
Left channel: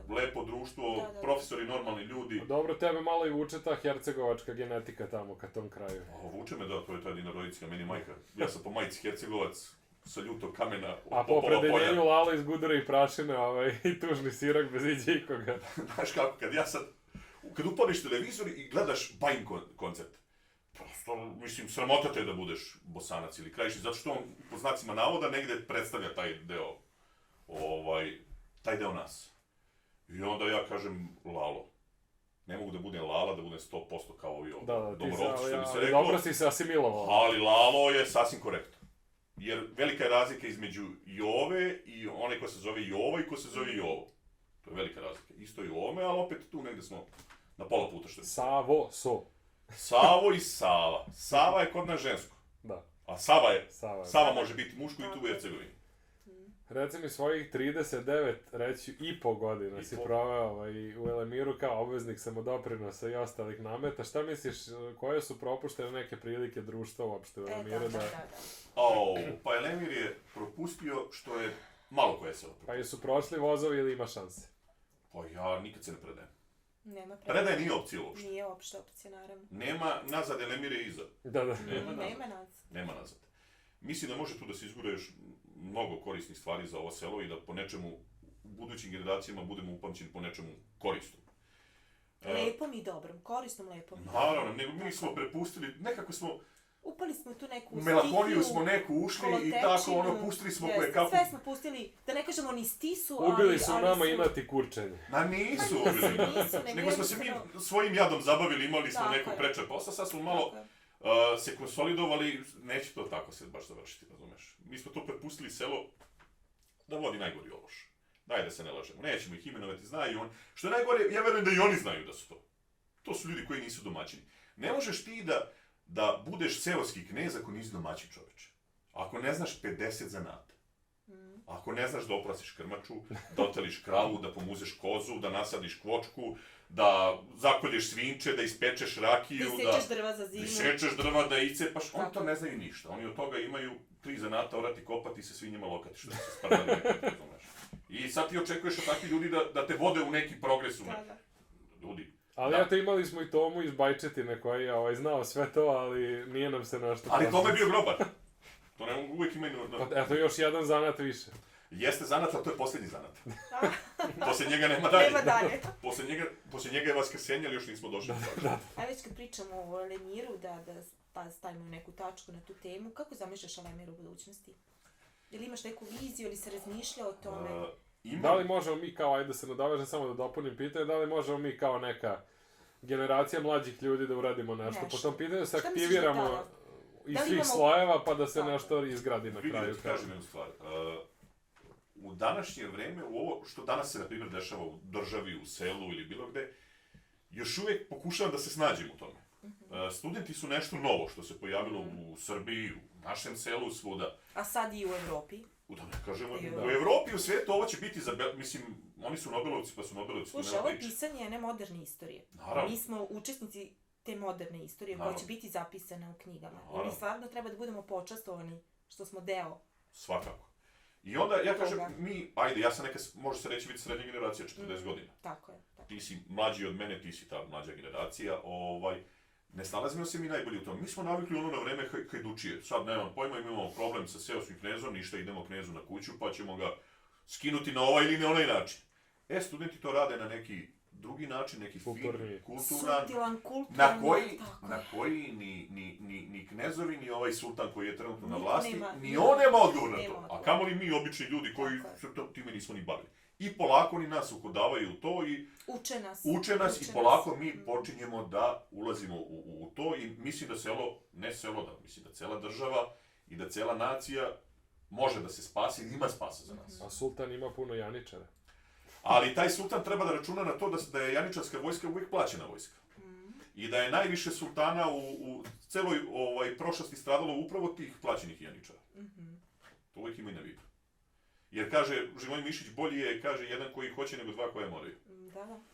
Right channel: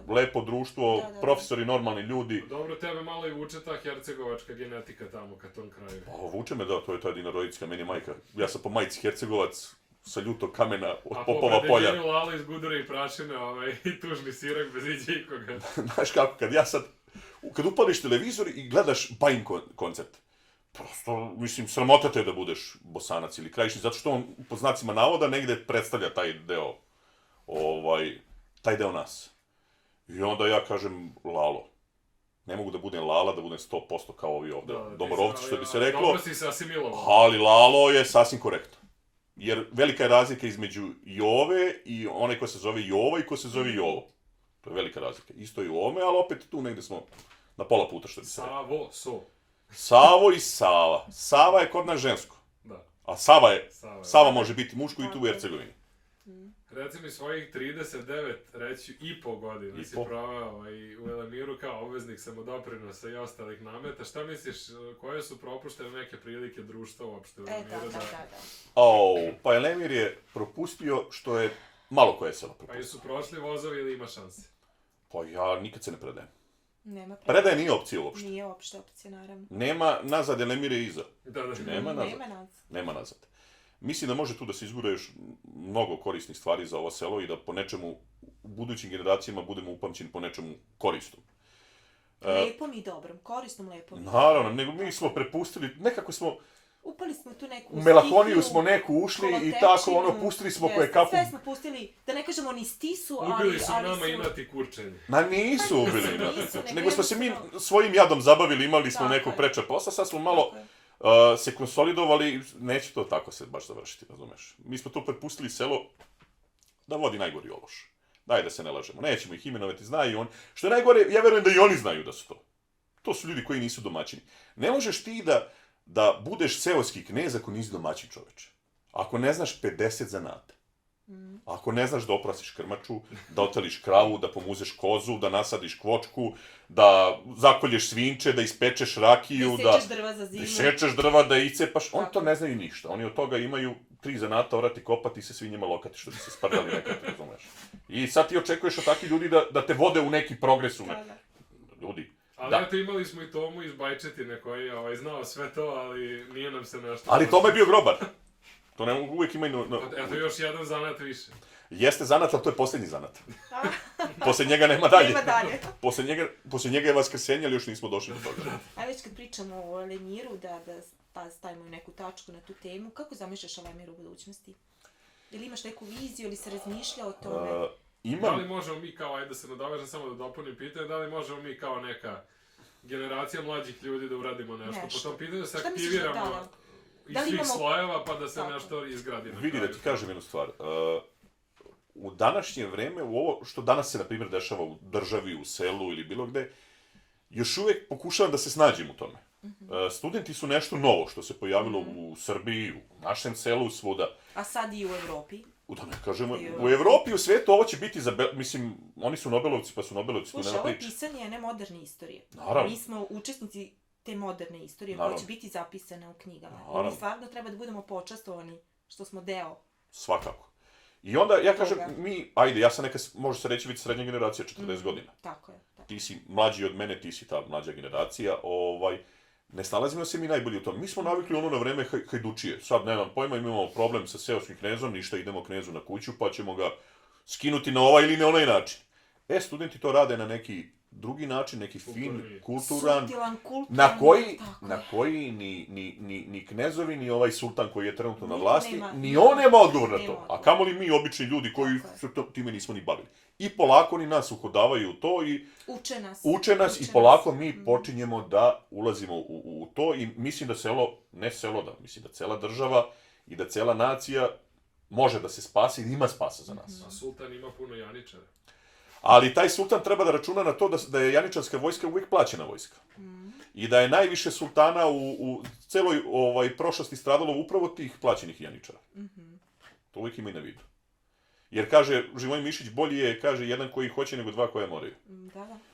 Lepo društvo, profesori, normalni ljudi. Dobro, tebe malo i vuče ta hercegovačka genetika tamo, ka tom kraju. Vuče me, da, to je ta jedinorodicka, meni je majka. Ja sam po majici Hercegovac, sa ljutog kamena od Popova polja. A po predeljenju Lala iz Gudara i Prašine i tužni sirak bez iđe ikoga. Znaš kako, kad upališ televizor i gledaš Bajin koncert, prosto, mislim, sramota te da budeš Bosanac ili Krajišnik, zato što on, po znacima navoda, negde predstavlja taj deo nas. I onda ja kažem Lalo. Ne mogu da budem Lala, da budem 100% kao ovi ovdje domorovci, što bi se reklo. Dobro si se asimilovao. Ali Lalo je sasvim korektno. Jer velika je razlika između Jove i onaj ko se zove Jova i ko se zove Jovo. To je velika razlika. Isto je u ovome, ali opet tu negde smo na pola puta, što bi se reklo. Savo i Sava. Sava je kod nas žensko. Da. A Sava može biti muško i tu u Hercegovini. Reci mi, svojih 39, reći i po godina si proveo u Elemiru kao obveznik samodoprinosa i ostalih nameta. Šta misliš, koje su propuštene neke prilike društva uopšte u Elemiru? Pa Elemir je propustio što je malo koje selo propustio. Pa jesu prošli vozovi ili ima šanse? Pa ja nikad se ne predajem. Nema predaje nije opcija uopšte. Nije uopšte opcija, naravno. Nema nazad, Elemir je iza. Nema nazad. Mislim da može tu da se izgura još mnogo korisnih stvari za ovo selo i da po nečemu u budućim generacijama budemo upamćeni po nečemu korisnom. Lepom i dobrom, korisnom, lepom. Naravno, nego mi smo prepustili, nekako smo... Upali smo tu neku stihiju, u melakoniju smo neku ušli i tako, pustili smo koje kapu. Sve smo pustili, da ne kažemo ni stisu, ali... Ubili su nama inati kurčenje. Nisu ubili, nego smo se mi svojim jadom zabavili, imali smo neku preča posla, sad smo malo... se konsolidovali, neće to tako se baš završiti, razumeš. Mi smo to prepustili selo da vodi najgori ološ. Daj da se ne lažemo, nećemo ih imenovati, znaju on. Što je najgore, ja verujem da i oni znaju da su to. To su ljudi koji nisu domaćini. Ne možeš ti da budeš seoski knez ako nisi domaćin čoveče. Ako ne znaš 50 zanata. Ako ne znaš da oprasiš krmaču, da oteliš kravu, da pomuzeš kozu, da nasadiš kvočku, da zakolješ svinče, da ispečeš rakiju, da isečeš drva za zimu. Da isečeš drva, da icepaš, oni to ne znaju ništa. Oni od toga imaju 3 zanata, orati, kopati i se svinjima lokati, što bi se sprdali nekad, razumeš. I sad ti očekuješ od takvih ljudi da te vode u neki progres. Ljudi. Ali eto, imali smo i Tomu iz Bajčetine koji je znao sve to, ali nije nam se nešto... Ali Toma je bio grobar. To ne mogu, uvijek imaju... Eto, još jedan zanat više. Jeste zanat, ali to je posljednji zanat. Posle njega nema dalje. Nema dalje. Posle njega je vaskrsenje, ali još nismo došli do toga. A već kad pričamo o Elemiru, da stavimo neku tačku na tu temu, kako zamišljaš Elemir u budućnosti? Ili imaš neku viziju, ili se razmišlja o tome? Da li možemo mi kao, ajde da se nadovežem samo da dopunim pitanje, da li možemo mi kao neka generacija mlađih ljudi da uradimo nešto po tom pitanju, da se aktiviramo iz svih slojeva pa da se nešto izgradi na kraju? Vidi, da ti kažem jednu stvar. U današnje vreme, u ovo što danas se, na primjer, dešava u državi, u selu ili bilo gde, još uvijek pokušavam da se snađem u tome. Studenti su nešto novo što se pojavilo u Srbiji, u našem selu, svuda. A sad i u Evropi? Da ne kažemo, u Evropi, u svijetu ovo će biti mislim, oni su Nobelovci, pa su Nobelovci, to nema priče. Slušaj, ovo je pisanje jedne moderne istorije. Naravno. Mi smo učesnici te moderne istorije koja će biti zapisana u knjigama. I mi stvarno treba da budemo počastovani što smo deo. Svakako. I onda, ja kažem, ja sam neka, može se reći, biti srednja generacija, 40 godina. Tako je. Ti si mlađi od mene, ti si ta mlađa generacija, ne snalazimo se mi najbolji u tom. Mi smo navikli na vreme hajdučije. Sad, nemam pojma, imamo problem sa seoskim knezom, ništa, idemo knezu na kuću, pa ćemo ga skinuti na ovaj ili na onaj način. Studenti to rade na neki drugi način, neki fin, kulturan, na koji ni knezovi, ni ovaj sultan koji je trenutno na vlasti, ni on nema odgovor na to. A kamoli mi, obični ljudi, koji se time nismo ni bavili. I polako ni nas uhodavaju u to i uče nas i polako mi počinjemo da ulazimo u to i mislim da mislim da cela država i da cela nacija može da se spasi i ima spasa za nas. A sultan ima puno janičara. Ali taj sultan treba da računa na to da je janičarska vojska uvijek plaćena vojska. I da je najviše sultana u celoj prošlosti stradalo upravo tih plaćenih janičara. To uvijek ima i na vidu. Jer kaže, Živojin Mišić, bolji je, kaže, jedan koji hoće nego dva koje moraju.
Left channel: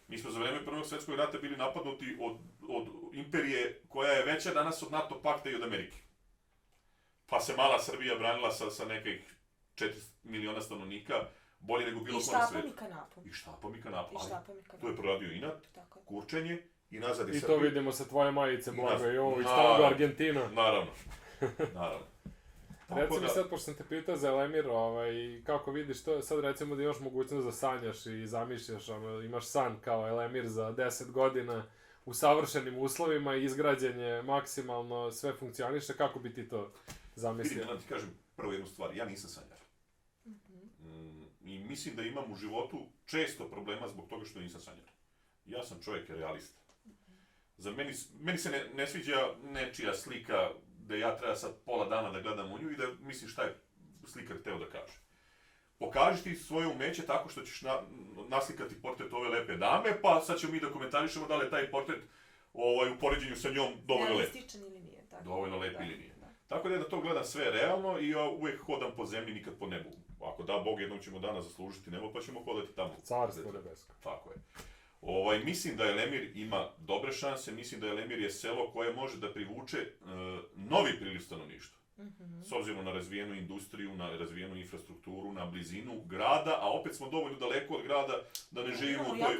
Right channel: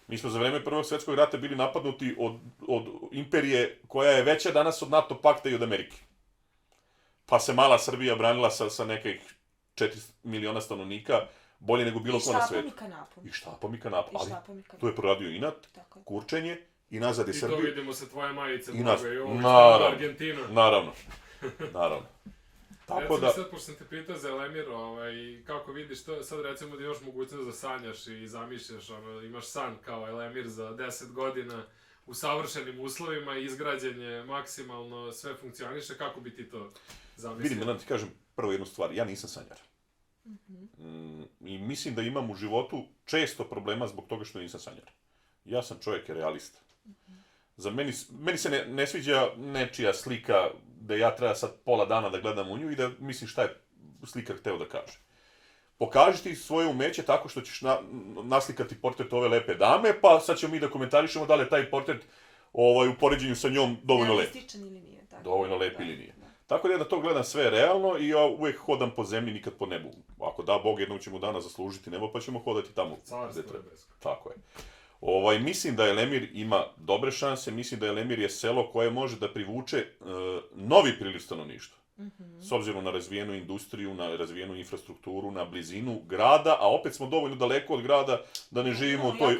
Mi smo za vreme Prvog svjetskog rata bili napadnuti od imperije koja je veća danas od NATO pakta i od Amerike. Pa se mala Srbija branila sa nekih 4 miliona stanovnika, bolje nego bilo ko na svijetu. I štapom i kanapom. Ali to je proradio inat, kurčenje, i nazad je Srbija. I to vidimo sa tvoje majice, Boga, i ovo iz Argentina. Naravno. Recimo sad, pošto sam te pitao za Elemir, kako vidiš to, sad recimo da imaš mogućnost da sanjaš i zamišljaš, imaš san kao Elemir za 10 godina u savršenim uslovima, izgrađen je maksimalno, sve funkcioniše, kako bi ti to zamislio? Vidim, da ti kažem prvo jednu stvar, ja nisam sanjar. I mislim da imam u životu često problema zbog toga što nisam sanjar. Ja sam čovjek realista. Za meni se ne sviđa nečija slika da ja treba sad pola dana da gledam u nju i da mislim šta je slikar hteo da kaže. Pokaži ti svoje umeće tako što ćeš naslikati portret ove lepe dame, pa sad ćemo mi da komentarišemo da li je taj portret u poređenju sa njom dovoljno lep. Realističan ili nije. Dovoljno lep ili nije. Tako da ja na to gledam sve realno i ja uvijek hodam po zemlji, nikad po nebu. Ako da Bog, jednom ćemo dana zaslužiti nebo, pa ćemo hodati tamo. Carstvo nebesko. Tako je. Mislim da Elemir ima dobre šanse, mislim da Elemir je selo koje može da privuče novi priliv stanovništva. S obzirom na razvijenu industriju, na razvijenu infrastrukturu, na blizinu grada, a opet smo dovoljno daleko od grada da ne živimo u toj...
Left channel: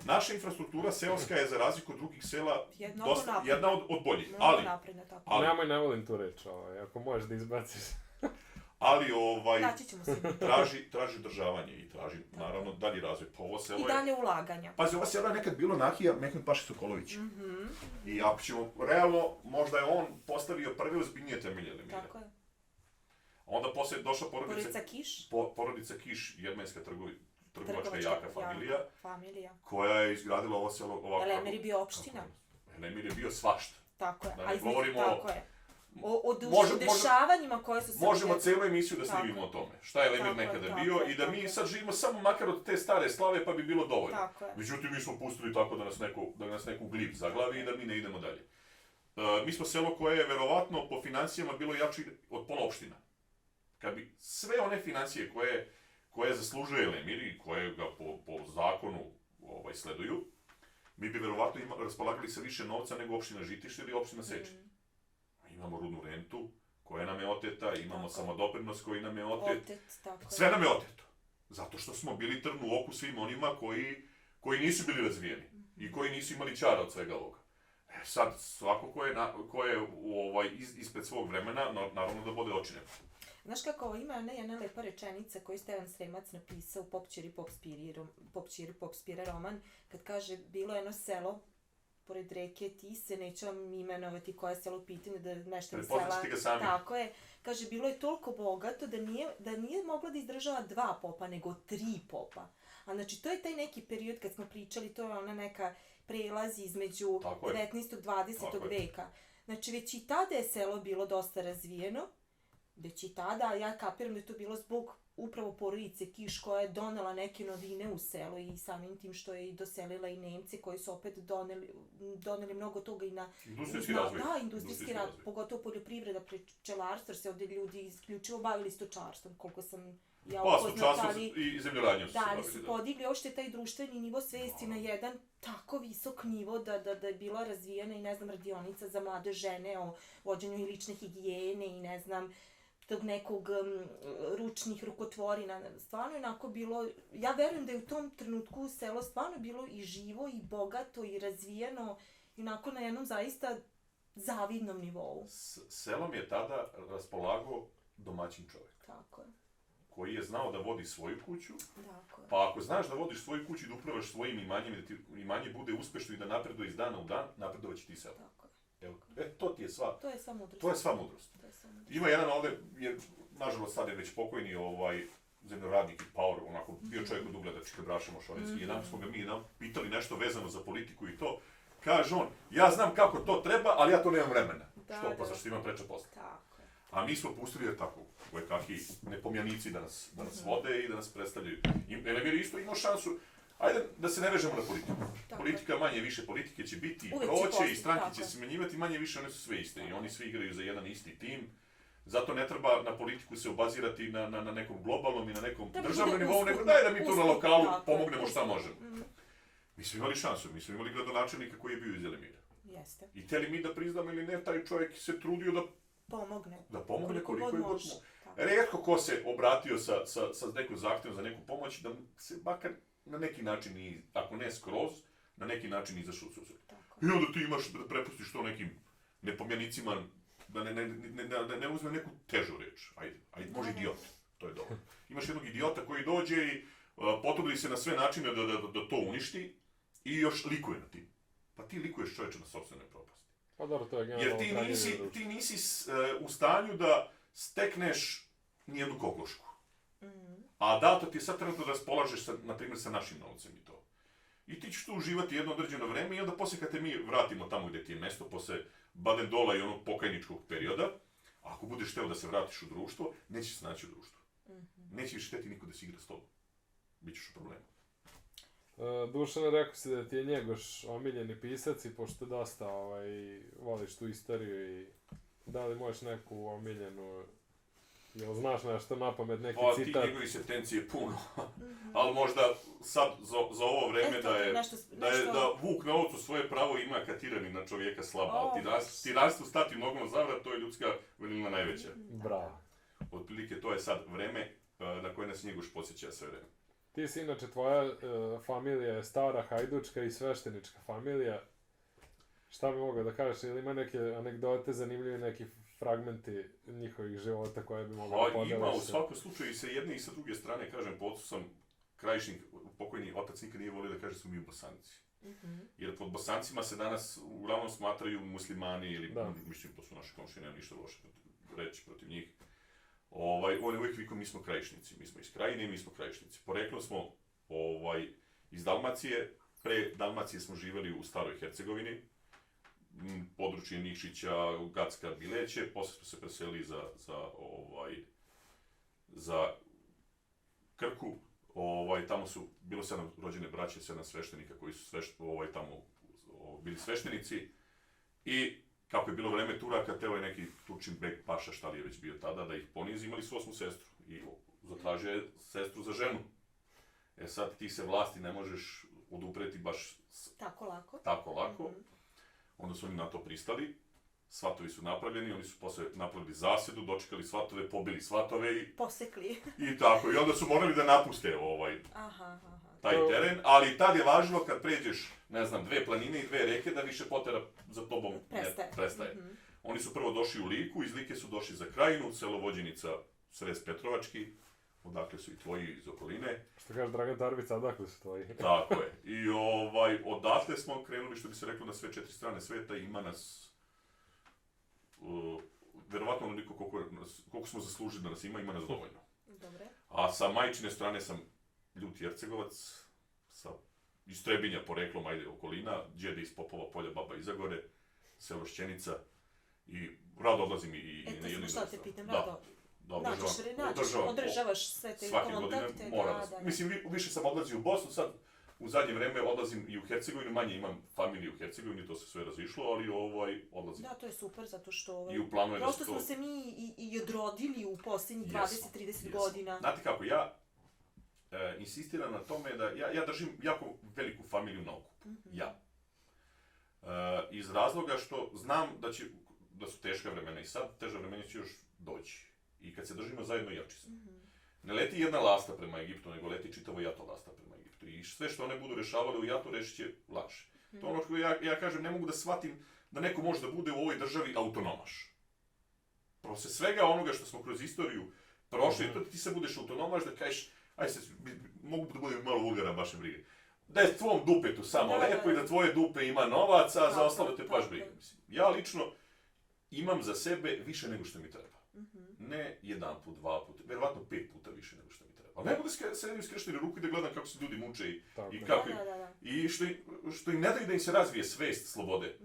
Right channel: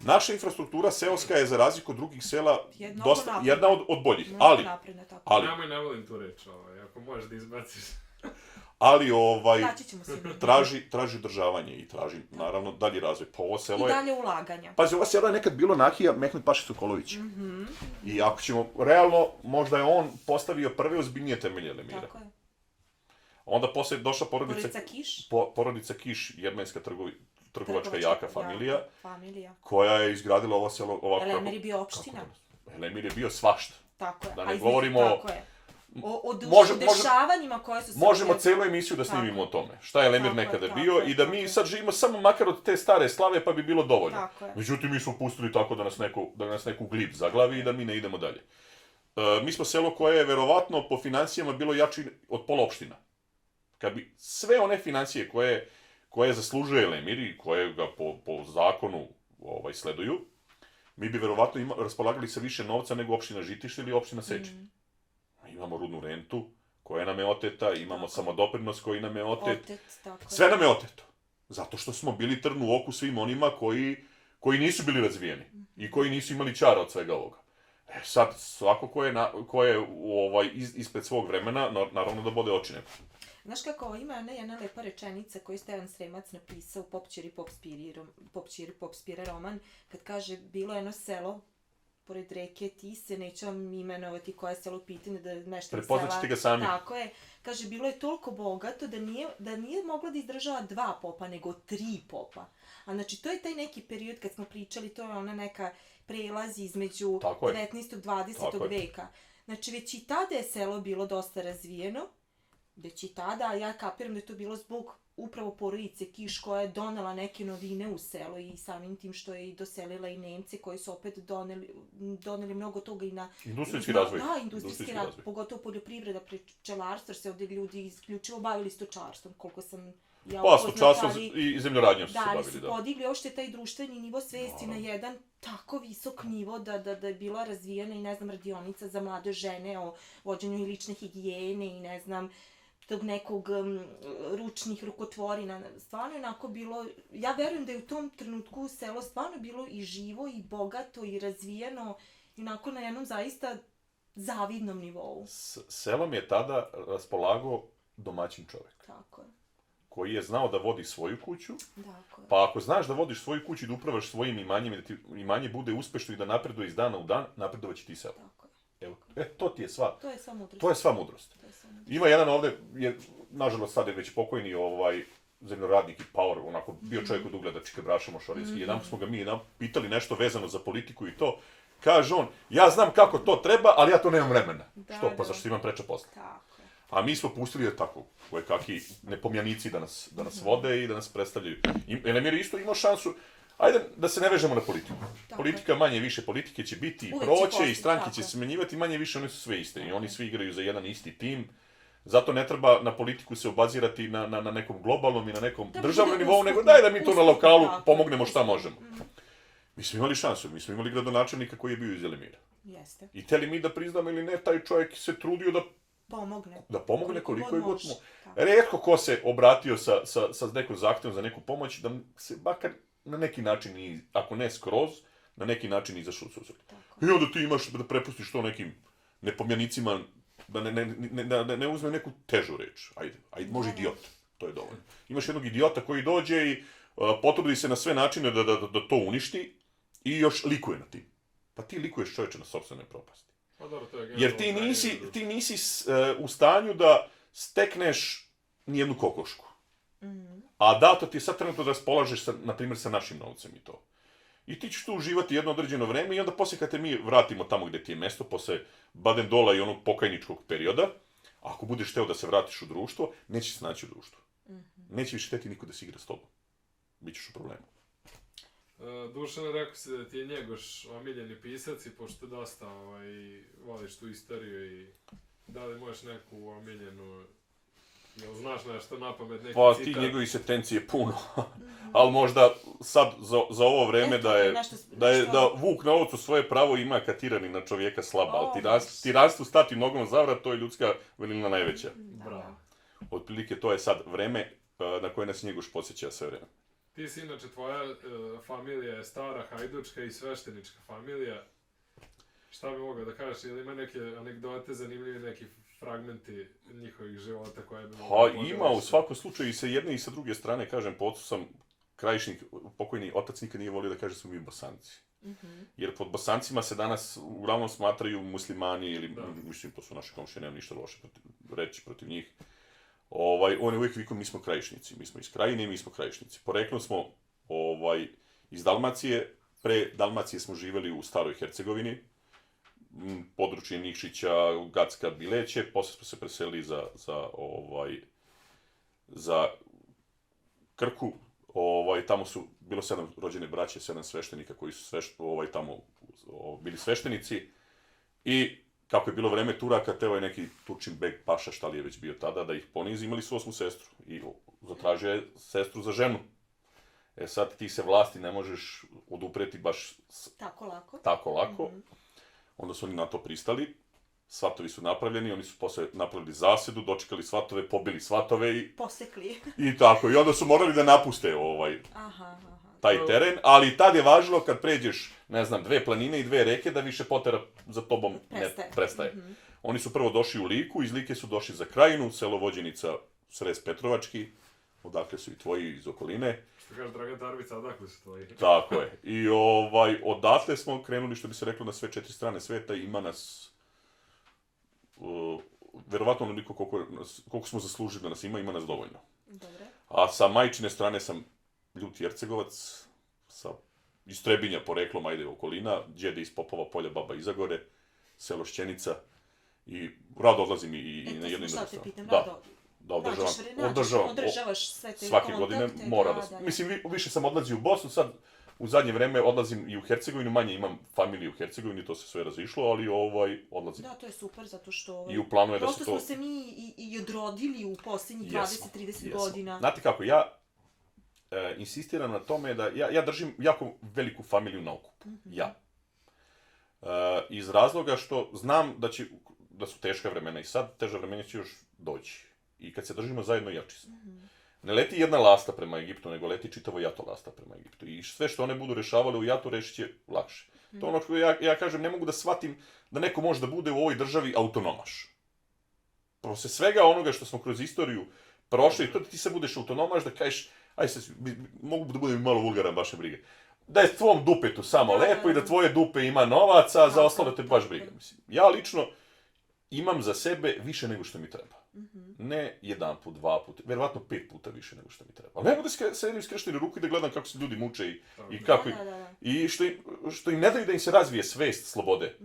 Naša infrastruktura seoska je, za razliku od drugih sela, jedna od boljih. Ali... Nemoj, ne volim tu reč, ako možeš da izbaciš. Ali traži održavanje i traži, naravno, dalji razvoj. Pa ovo selo je... I dalje ulaganja. Pazi, ovo selo je nekad bilo Nahija Mehmet Paša Sokolović. I ako ćemo, realno, možda je on postavio prve ozbiljnije temelje Elemira. Tako je. Onda poslije došla porodica Kiš, jermenska trgovačka jaka familija, koja je izgradila ovo selo ovako... Elemir je bio opština. Elemir je bio svašta. Tako je. Da ne govorimo o dešavanjima koje su se... Možemo celu emisiju da snimimo o tome. Šta je Elemir nekada bio i da mi sad živimo samo makar od te stare slave pa bi bilo dovoljno. Međutim, mi smo pustili tako da nas neku glib zaglavi i da mi ne idemo dalje. Mi smo selo koje je verovatno po financijama bilo jači od pola opština. Kad bi sve one financije koje zaslužuje Elemir i koje ga po zakonu sleduju, mi bi verovatno raspolagali sa više novca nego opština Žitište ili opština Seče. Imamo rudnu rentu koja nam je oteta, imamo samodoprinos koji nam je otet. Sve nam je oteto. Zato što smo bili trn u oku svim onima koji nisu bili razvijeni i koji nisu imali čara od svega ovoga. Sad, svako ko je ispred svog vremena, naravno da bode oči neko. Znaš kako, ima jedna lepa rečenica koju Stevan Sremac napisao u Pop Ćiri Pop Spire roman, kad kaže, bilo je jedno selo pored reke Tise, neću vam imenovati koje je selo u pitanju, da nešto iz sela... Prepoznaćete ga sami. Tako je. Kaže, bilo je toliko bogato da nije moglo da izdržava 2 popa, nego 3 popa. A znači, to je taj neki period kad smo pričali, to je ona neka prelaz između 19. 20. veka. Znači, već i tada je selo bilo dosta razvijeno, već i tada, ja kapiram da je to bilo zbog upravo porodice Kiš koja je donela neke novine u selo i samim tim što je i doselila i Nemci koji su opet doneli mnogo toga i na... Industrijski razvoj. Da, industrijski razvoj, pogotovo poljoprivreda, pčelarstvo, jer se ovdje ljudi isključivo bavili stočarstvom, koliko sam ja stočarstvo i zemljoradnjom su se bavili, da. Da, su podigli ošte taj društveni nivo svesti na jedan tako visok nivo da je bila razvijena i, ne znam, radionica za mlade žene o vođenju i lične higijene i, ne znam, tog nekog ručnih rukotvorina. Stvarno je onako bilo, ja verujem da je u tom trenutku selo stvarno bilo i živo i bogato i razvijeno i onako na jednom zaista zavidnom nivou. Selom je tada raspolagao domaćin čovjek. Tako je. Koji je znao da vodi svoju kuću, tako je. Pa ako znaš da vodiš svoju kuću i da upravaš svojim imanjem i da ti imanje bude uspešno i da napreduje iz dana u dan, napredovat će ti selo. Tako je. To ti je sva. To je sva mudrost. To je sva mudrost. Ima jedan ovde, nažalost sad je već pokojni zemljoradnik i Power, onako bio čovjek od ugleda Čikebraša Mošorinski. Jedan smo ga mi pitali nešto vezano za politiku i to. Kaže on, ja znam kako to treba, ali ja to nemam vremena. Što? Pa zašto imam preča posla? Tako je. A mi smo pustili da tako, kakvi nepomjanici da nas vode i da nas predstavljaju. Elemir je isto imao šansu. Ajde da se ne vežemo na politiku. Politika manje više politike će biti i proće i stranke će se smenjivati, manje više one su sve iste i oni svi igraju za jedan isti tim. Zato ne treba na politiku se obazirati na nekom globalnom i na nekom državnom nivou, nego daj da mi to na lokalu pomognemo šta možemo. Mi smo imali šansu, mi smo imali gradonačelnika koji je bio iz Elemira. Jeste. I htjeli mi da priznamo ili ne, taj čovjek se trudio da pomogne koliko je god može. Rijetko ko se obratio sa nekom zahtjevom za neku pomoć, da se bakar na neki način, ako ne skroz, na neki način izašao u susret. I onda ti imaš da prepustiš to nekim nepomjanicima, da ne uzme neku težu reč. Ajde, može idiot, to je dovoljno. Imaš jednog idiota koji dođe i potrudi se na sve načine da to uništi i još likuje na tim. Pa ti likuješ čovječe na sopstvenoj propasti. Jer ti nisi u stanju da stekneš nijednu kokošku. A dato ti je sad trenutno da raspolažeš, na primjer, sa našim novcem i to. I ti ćeš tu uživati jedno određeno vreme i onda poslije kad te mi vratimo tamo gdje ti je mesto, posle Badendola i onog pokajničkog perioda, ako budeš hteo da se vratiš u društvo, nećeš se naći u društvu. Neće više hteti niko da se igra s tobom. Bićeš u problemu. Dušan, rekao si da ti je Njegoš omiljeni pisac i pošto dosta voliš tu istoriju i da li možeš neku omiljenu, jel znaš nešto napamet, neki citat? Pa ti njegovi sentencije puno, ali možda sad za ovo vreme da vuk na ovcu svoje pravo ima kad tirani na čovjeka slaba, ali tiranstvu stati nogom za vrat, to je ljudska velina najveća. Bravo. Otprilike to je sad vreme na koje nas Njegoš podsjeća sve vreme. Ti si inače, tvoja familija je stara hajdučka i sveštenička familija. Šta bi mogao da kažeš, ili ima neke anegdote, zanimljive neki fragmenti njihovih života koje bi mogli podeliš? Ima, u svakom slučaju i sa jedne i sa druge strane, kažem, po ocu sam krajišnik, pokojni otac nikad nije volio da kaže su mi Bosanci. Jer pod Bosancima se danas uglavnom smatraju muslimani ili, mislim, to su naše komšije, nemam ništa loše reći protiv njih. On je uvijek vikao, mi smo krajišnici, mi smo iz Krajine i mi smo krajišnici. Poreklom smo iz Dalmacije, pre Dalmacije smo živjeli u Staroj Hercegovini, područje Nikšića, Gacka, Bileće, poslije smo se preselili za Krku. Tamo su bilo 7 rođene braće, 7 sveštenika koji su tamo bili sveštenici. I kako je bilo vreme Turaka, teo je neki Turčin bek paša, šta li je već bio tada, da ih ponizi, imali su 8. sestru i zatražio je sestru za ženu. Sad ti se vlasti ne možeš odupreti baš tako lako. Onda su oni na to pristali, svatovi su napravljeni, oni su posle napravili zasedu, dočekali svatove, pobili svatove i... Posekli. I tako, i onda su morali da napuste taj teren, ali tad je važno kad pređeš, ne znam, 2 planine i 2 reke, da više potera za tobom ne prestaje. Oni su prvo došli u Liku, iz Like su došli za Krajinu, selo Vođenica, Srez Petrovački, odakle su i tvoji iz okoline. Što kaže Dragan Darbica, odakle su tvoji. Tako je. I odatle smo krenuli, što bi se reklo, na sve 4 strane sveta, ima nas, verovatno onoliko koliko smo zaslužili da nas ima nas dovoljno. Dobre. A sa majčine strane sam Ljut Jercegovac, iz Trebinja poreklom, ajde okolina, djede iz Popova polja, baba iz Zagore, selo Šćenica, i rado odlazim i na jednu šta te pitam, održavaš sve te svake kontakte. Godine moram. Mislim, više sam odlazio u Bosnu, sad u zadnje vreme odlazim i u Hercegovinu, manje imam familiju u Hercegovini, to se sve razišlo, ali odlazim. Da, to je super, zato što I u planu je da prosto smo se mi i odrodili u posljednjih 20-30 godina. Znate kako, ja insistiram na tome da ja držim jako veliku familiju na okupu. Ja. Iz razloga što znam da su teška vremena i sad teža vremena će još doći. I kad se držimo zajedno, jači smo. Ne leti jedna lasta prema Egiptu, nego leti čitavo jato lasta prema Egiptu. I sve što one budu rešavale u jatu, rešit će lakše. To ono što ja kažem, ne mogu da shvatim da neko može da bude u ovoj državi autonomaš. Posle svega onoga što smo kroz istoriju prošli, to da ti se budeš autonomaš, da kažeš, mogu da budem malo vulgaran, vaše brige. Da je tvom dupetu samo lepo i da tvoje dupe ima novaca, a za ostalo te baš briga. Ja lično imam za sebe više nego što mi treba. Ne 1 put, 2 puta, verovatno 5 puta više nego što mi treba. Ali ne mogu da sedim skršteni ruku i da gledam kako se ljudi muče i kako... I što im ne daju da im se razvije svest slobode.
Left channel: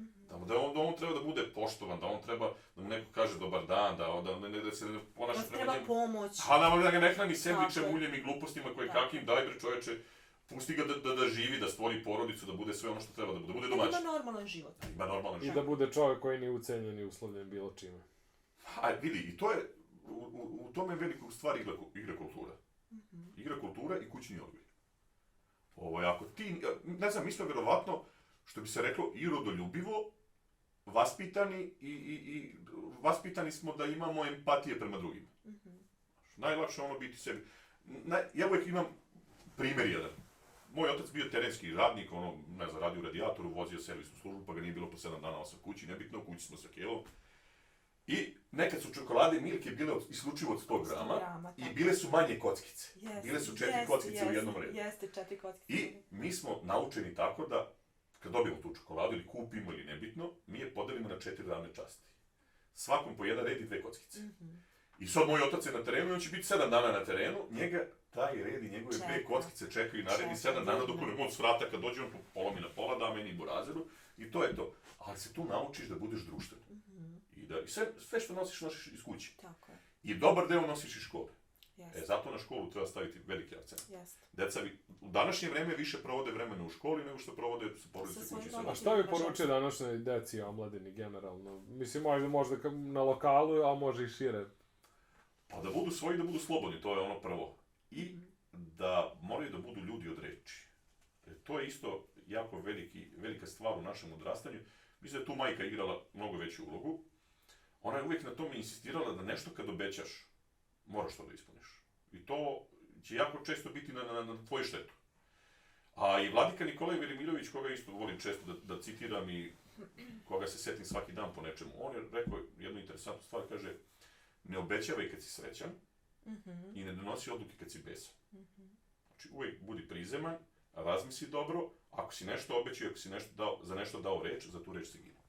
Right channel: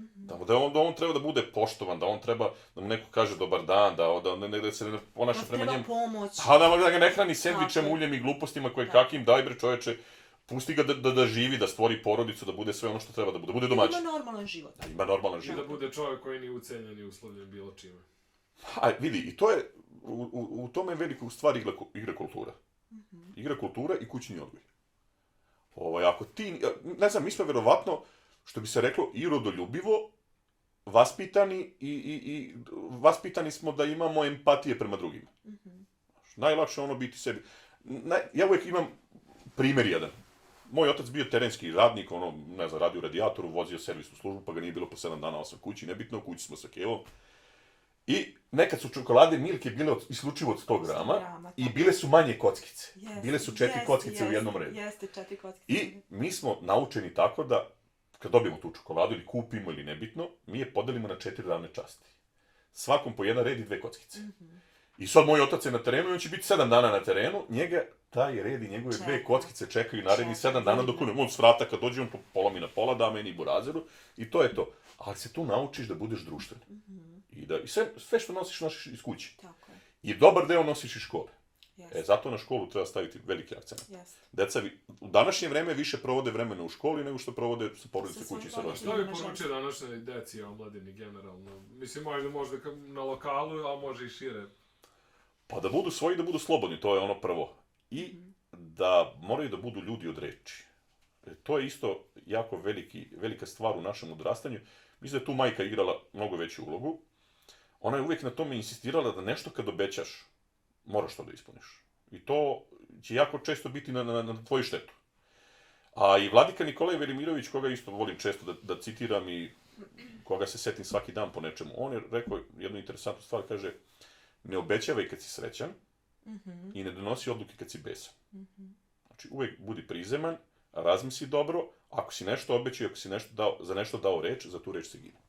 Da on treba da bude poštovan, da on treba da mu neko kaže dobar dan, da se ne ponaša prema njemu. Da treba pomoć. Da ga ne hrani sendvičem, uljem i glupostima koje kakim, daj bre čoveče, pusti ga da živi, da stvori porodicu, da bude sve ono što treba da bude domaćin. Ima normalan život. I da bude čovjek koji nije ucenjen i uslovljen bilo čime. Vidi, i to je, u tome je velika u stvari igra kultura. Igra kultura i kućni odgoj. Ako ti, ne znam, mi smo verovatno, što bi se reklo, i rodoljubivo, vaspitani i vaspitani smo da imamo empatije prema drugima. Najlakše ono biti sebi. Ja uvijek imam primjer jedan. Moj otac bio terenski radnik, radio u radijatoru, vozio servisnu službu, pa ga nije bilo po 7 dana osam kući, nebitno, u kući smo sa Kevom. I nekad su čokolade Milke bile isključivo od 100 grama i bile su manje kockice. Bile su 4 kockice u jednom redu. Jeste, 4 kockice. I mi smo naučeni tako da, kad dobijemo tu čokoladu ili kupimo ili nebitno, mi je podelimo na 4 ravne časti. Svakom po jedan red i 2 kockice. I sad moj otac je na terenu i on će biti 7 dana na terenu, njega taj red i njegove 2 kockice čekaju naredni 7 dana dok on s vrata kad dođe on polomi na pola, da meni burazeru i to je to. Ali se tu naučiš da budeš društven. I sve što nosiš iz kuće. Tako je. I dobar deo nosiš iz škole. Zato na školu treba staviti veliki akcent. Deca u današnje vreme više provode vremena u školi nego što provode sa porodice kući. Šta bi poručio današnjoj deci i omladini generalno? Mislim, možda na lokalu, a može i šire. Pa da budu svoji, da budu slobodni, to je ono prvo. I da moraju da budu ljudi od reči. To je isto jako velika stvar u našem odrastanju. Mislim da je tu majka igrala mnogo veću ulogu. Ona je uvijek na tome insistirala da nešto kad obećaš, moraš to da ispuniš. I to će jako često biti na tvoju štetu. A i vladika Nikolaj Velimirović, koga isto volim često da citiram i koga se setim svaki dan po nečemu, on je rekao jednu interesantnu stvar, kaže, ne obećavaj kad si srećan i ne donosi odluke kad si besan. Znači, uvijek budi prizeman, razmisli dobro, ako si nešto obećao, ako si za nešto dao reč, za tu reč se gine.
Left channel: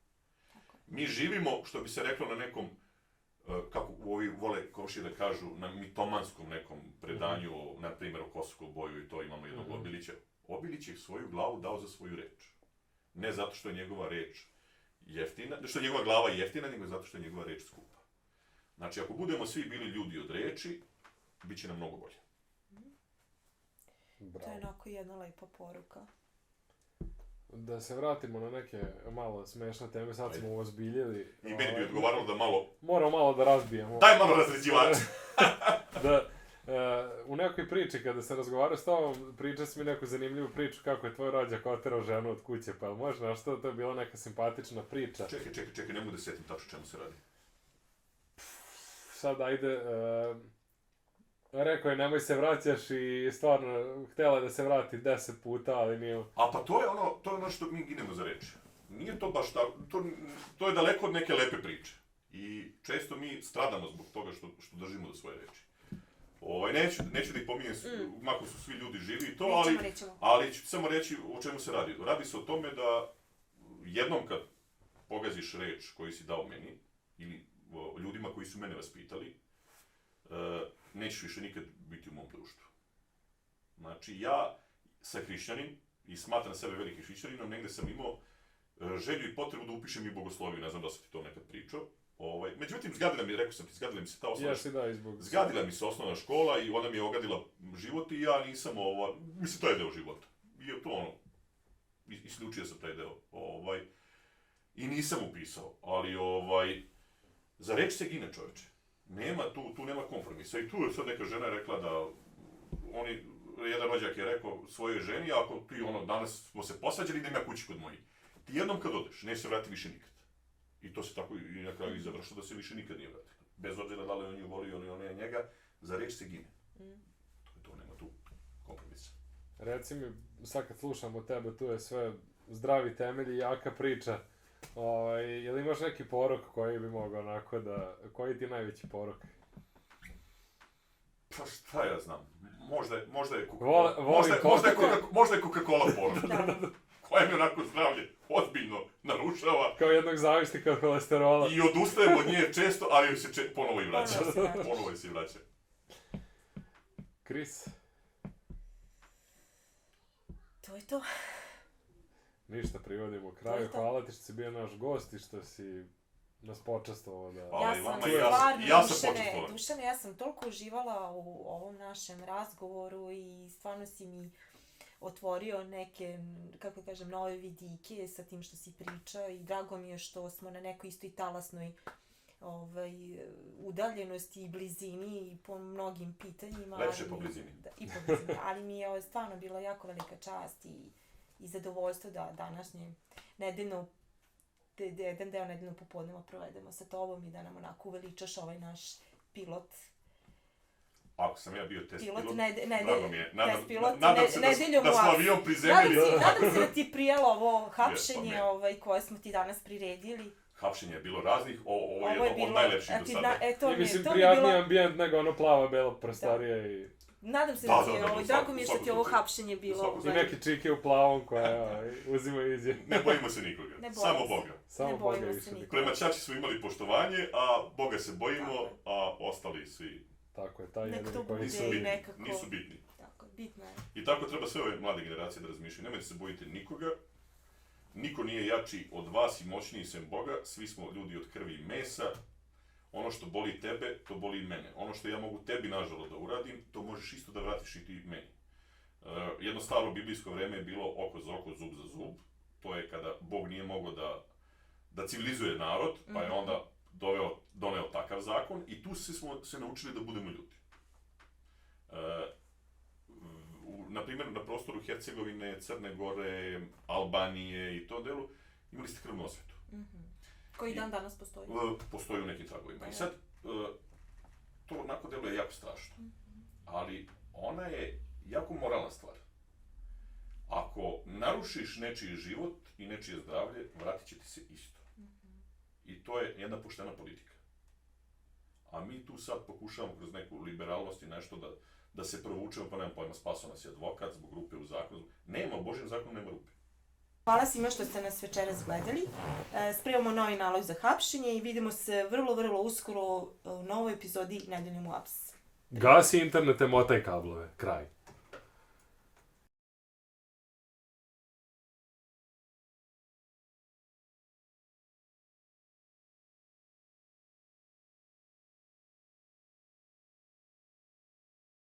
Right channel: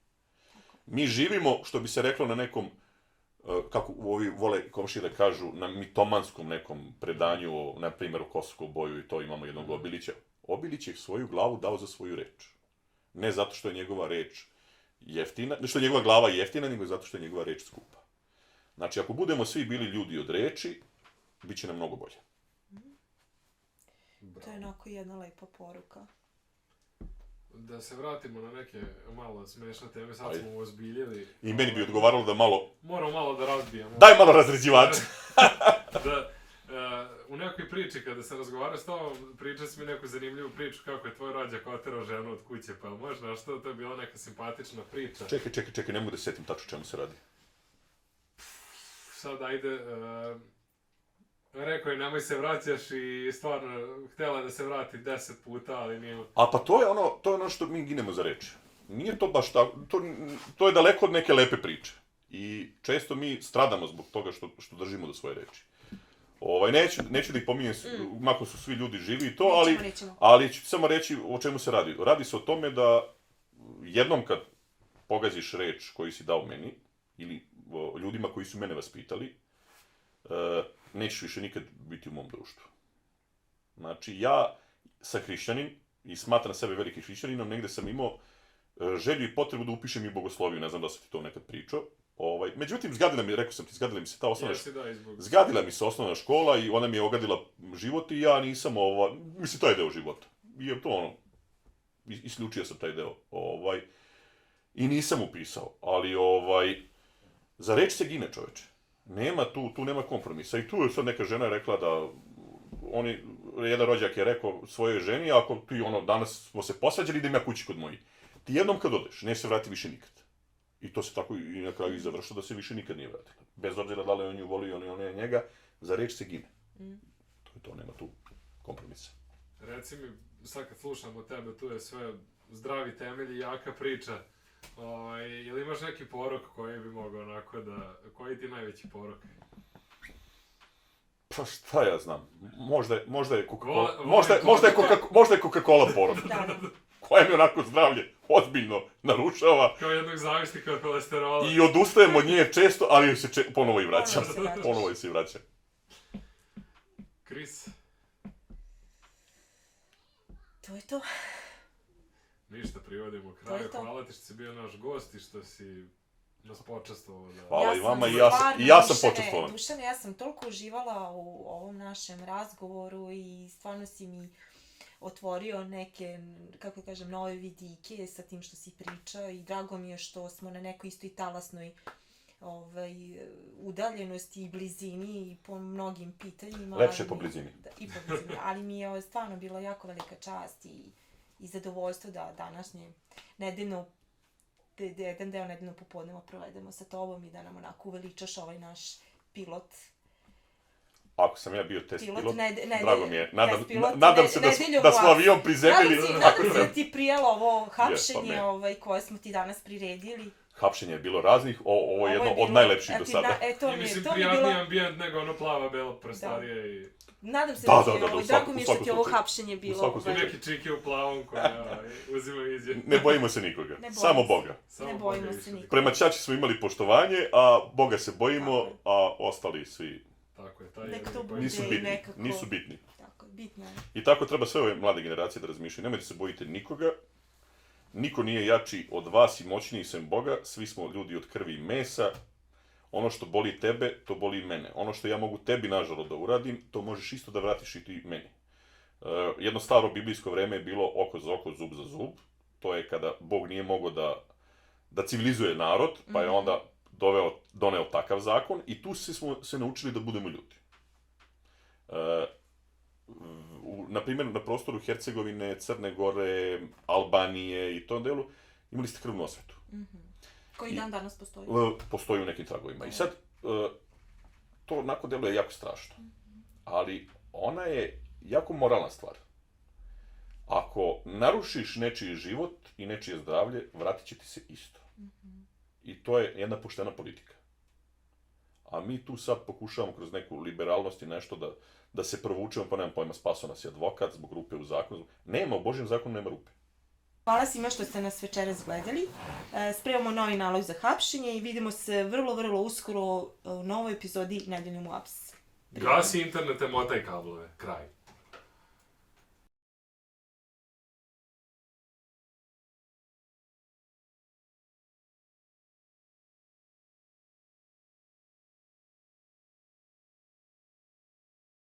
Mi živimo, što bi se reklo na nekom, kako ovi vole komšije da kažu, na mitomanskom nekom predanju, na primjer o Kosovskom boju i to imamo jednog Obilića. Obilić je svoju glavu dao za svoju reč. Ne zato što je njegova reč jeftina, ne što je njegova glava jeftina, nego zato što je njegova reč skupa. Znači, ako budemo svi bili ljudi od reči, bit će nam mnogo bolje. To je onako jedna lepa poruka. Da se vratimo na neke malo smešne teme, sad smo ozbiljili. I meni bi odgovaralo da malo... Moramo malo da razbijemo. Daj malo razređivača! Da, u nekoj priči, kada sam razgovarao s tobom, pričao si mi neku zanimljivu priču kako je tvoj rođak oterao ženu od kuće, pa možda što to je bila neka simpatična priča. Čekaj, ne mogu da se setim tačno čemu se radi. Sad ajde, rekao je nemoj se vraćaš i stvarno htjela da se vrati 10 puta, ali nije... A pa to je ono što mi ginemo za reč. Nije to baš tako, to je daleko od neke lepe priče. I često mi stradamo zbog toga što držimo do svoje reči. Neću da ih pominjem, mako su svi ljudi živi i to, ali ću samo reći o čemu se radi. Radi se o tome da jednom kad pogaziš reč koju si dao meni, ili ljudima koji su mene vaspitali, nećeš više nikad biti u mom društvu. Znači, ja sam hrišćanin i smatram sebe veliki hrišćaninom, negde sam imao želju i potrebu da upišem i bogosloviju, ne znam da sam ti to nekad pričao. Međutim, zgadila mi se ta osnovna škola. Zgadila mi se osnovna škola i ona mi je ogadila život i ja nisam, mislim, to je deo života. I je to isključio sam taj deo. I nisam upisao, ali za reč se gine, čoveče. Nema tu nema kompromisa. I tu je sad neka žena rekla da jedan rođak je rekao svojoj ženi, ako ti danas smo se posvađali, idem ja kući kod moji. Ti jednom kad odeš, ne se vrati više nikad. I to se tako i na kraju i završilo da se više nikad nije vratila. Bez obzira da li on nju voli ili on je njega, za reč se gine. To je to, nema tu kompromisa. Reci mi, sad kad slušamo tebe, tu je sve zdravi temelji i jaka priča. Ili imaš neki porok koji bi mogao onako da... Koji ti je najveći porok? Pa šta ja znam, možda je Coca-Cola porok. Koja mi onako zdravlje ozbiljno narušava. Kao jednog zavisnika od kolesterola. I odustajem od nje često, ali joj se ponovo i vraćam. Ponovo se i vraćam. Kris? To je to. Ništa, privodimo u kraju. Hvala ti što si bio naš gost i što si nas počestvovao da... Hvala i vama i ja sam počestvovan. Dušane, ja sam toliko uživala u ovom našem razgovoru i stvarno si mi otvorio neke, kako kažem, nove vidike sa tim što si pričao i drago mi je što smo na nekoj istoj talasnoj udaljenosti i blizini i po mnogim pitanjima. Lepše po blizini. I po blizini, ali mi je stvarno bila jako velika čast i zadovoljstvo da današnje jedan deo nedeljnog popodneva provedemo sa tobom i da nam onako uveličaš ovaj naš pilot. Ako sam ja bio test pilot, drago mi je. Nadam se da smo avion prizemljili. Nadam se da ti prijelo ovo hapšenje koje smo ti danas priredili. Hapšenje je bilo raznih, ovo je jedno od najlepših do sada. I mislim, prijatniji ambijent nego ono plava belo prostorije i... Nadam se da ti je drago mi je što ti ovo hapšenje bilo. Neki čike u plavom koja uzimaju izjed. Ne bojimo se nikoga, samo Boga. Ne bojimo se nikoga. Prema ćaći smo imali poštovanje, a Boga se bojimo, a ostali svi nisu bitni. Tako, bitno je. I tako treba sve ove mlade generacije da razmišljaju. Nemojte se bojiti nikoga. Niko nije jači od vas i moćniji sem Boga. Svi smo ljudi od krvi i mesa. Ono što boli tebe, to boli i mene. Ono što ja mogu tebi, nažalost, da uradim, to možeš isto da vratiš i ti meni. Jedno staro biblijsko vreme je bilo oko za oko, zub za zub. To je kada Bog nije mogao da civilizuje narod, pa je onda doneo takav zakon i tu smo se naučili da budemo ljudi. Naprimjer, na prostoru Hercegovine, Crne Gore, Albanije i tom delu, imali ste krvnu osvetu. Koji dan danas postoji? Postoji u nekim tragovima. I sad, to onako deluje jako strašno. Ali ona je jako moralna stvar. Ako narušiš nečiji život i nečije zdravlje, vratit će ti se isto. I to je jedna poštena politika. A mi tu sad pokušavamo kroz neku liberalnost i nešto da se provučemo, pa nemam pojma, spasao nas je advokat zbog rupe u zakonu. Nema, u Božjem zakonu nema rupe. Hvala svima što ste nas večeras gledali. Spremamo novi nalog za hapšenje i vidimo se vrlo, vrlo uskoro u novoj epizodi Nedeljom u Aps. Gasi internete, motaj kablove. Kraj.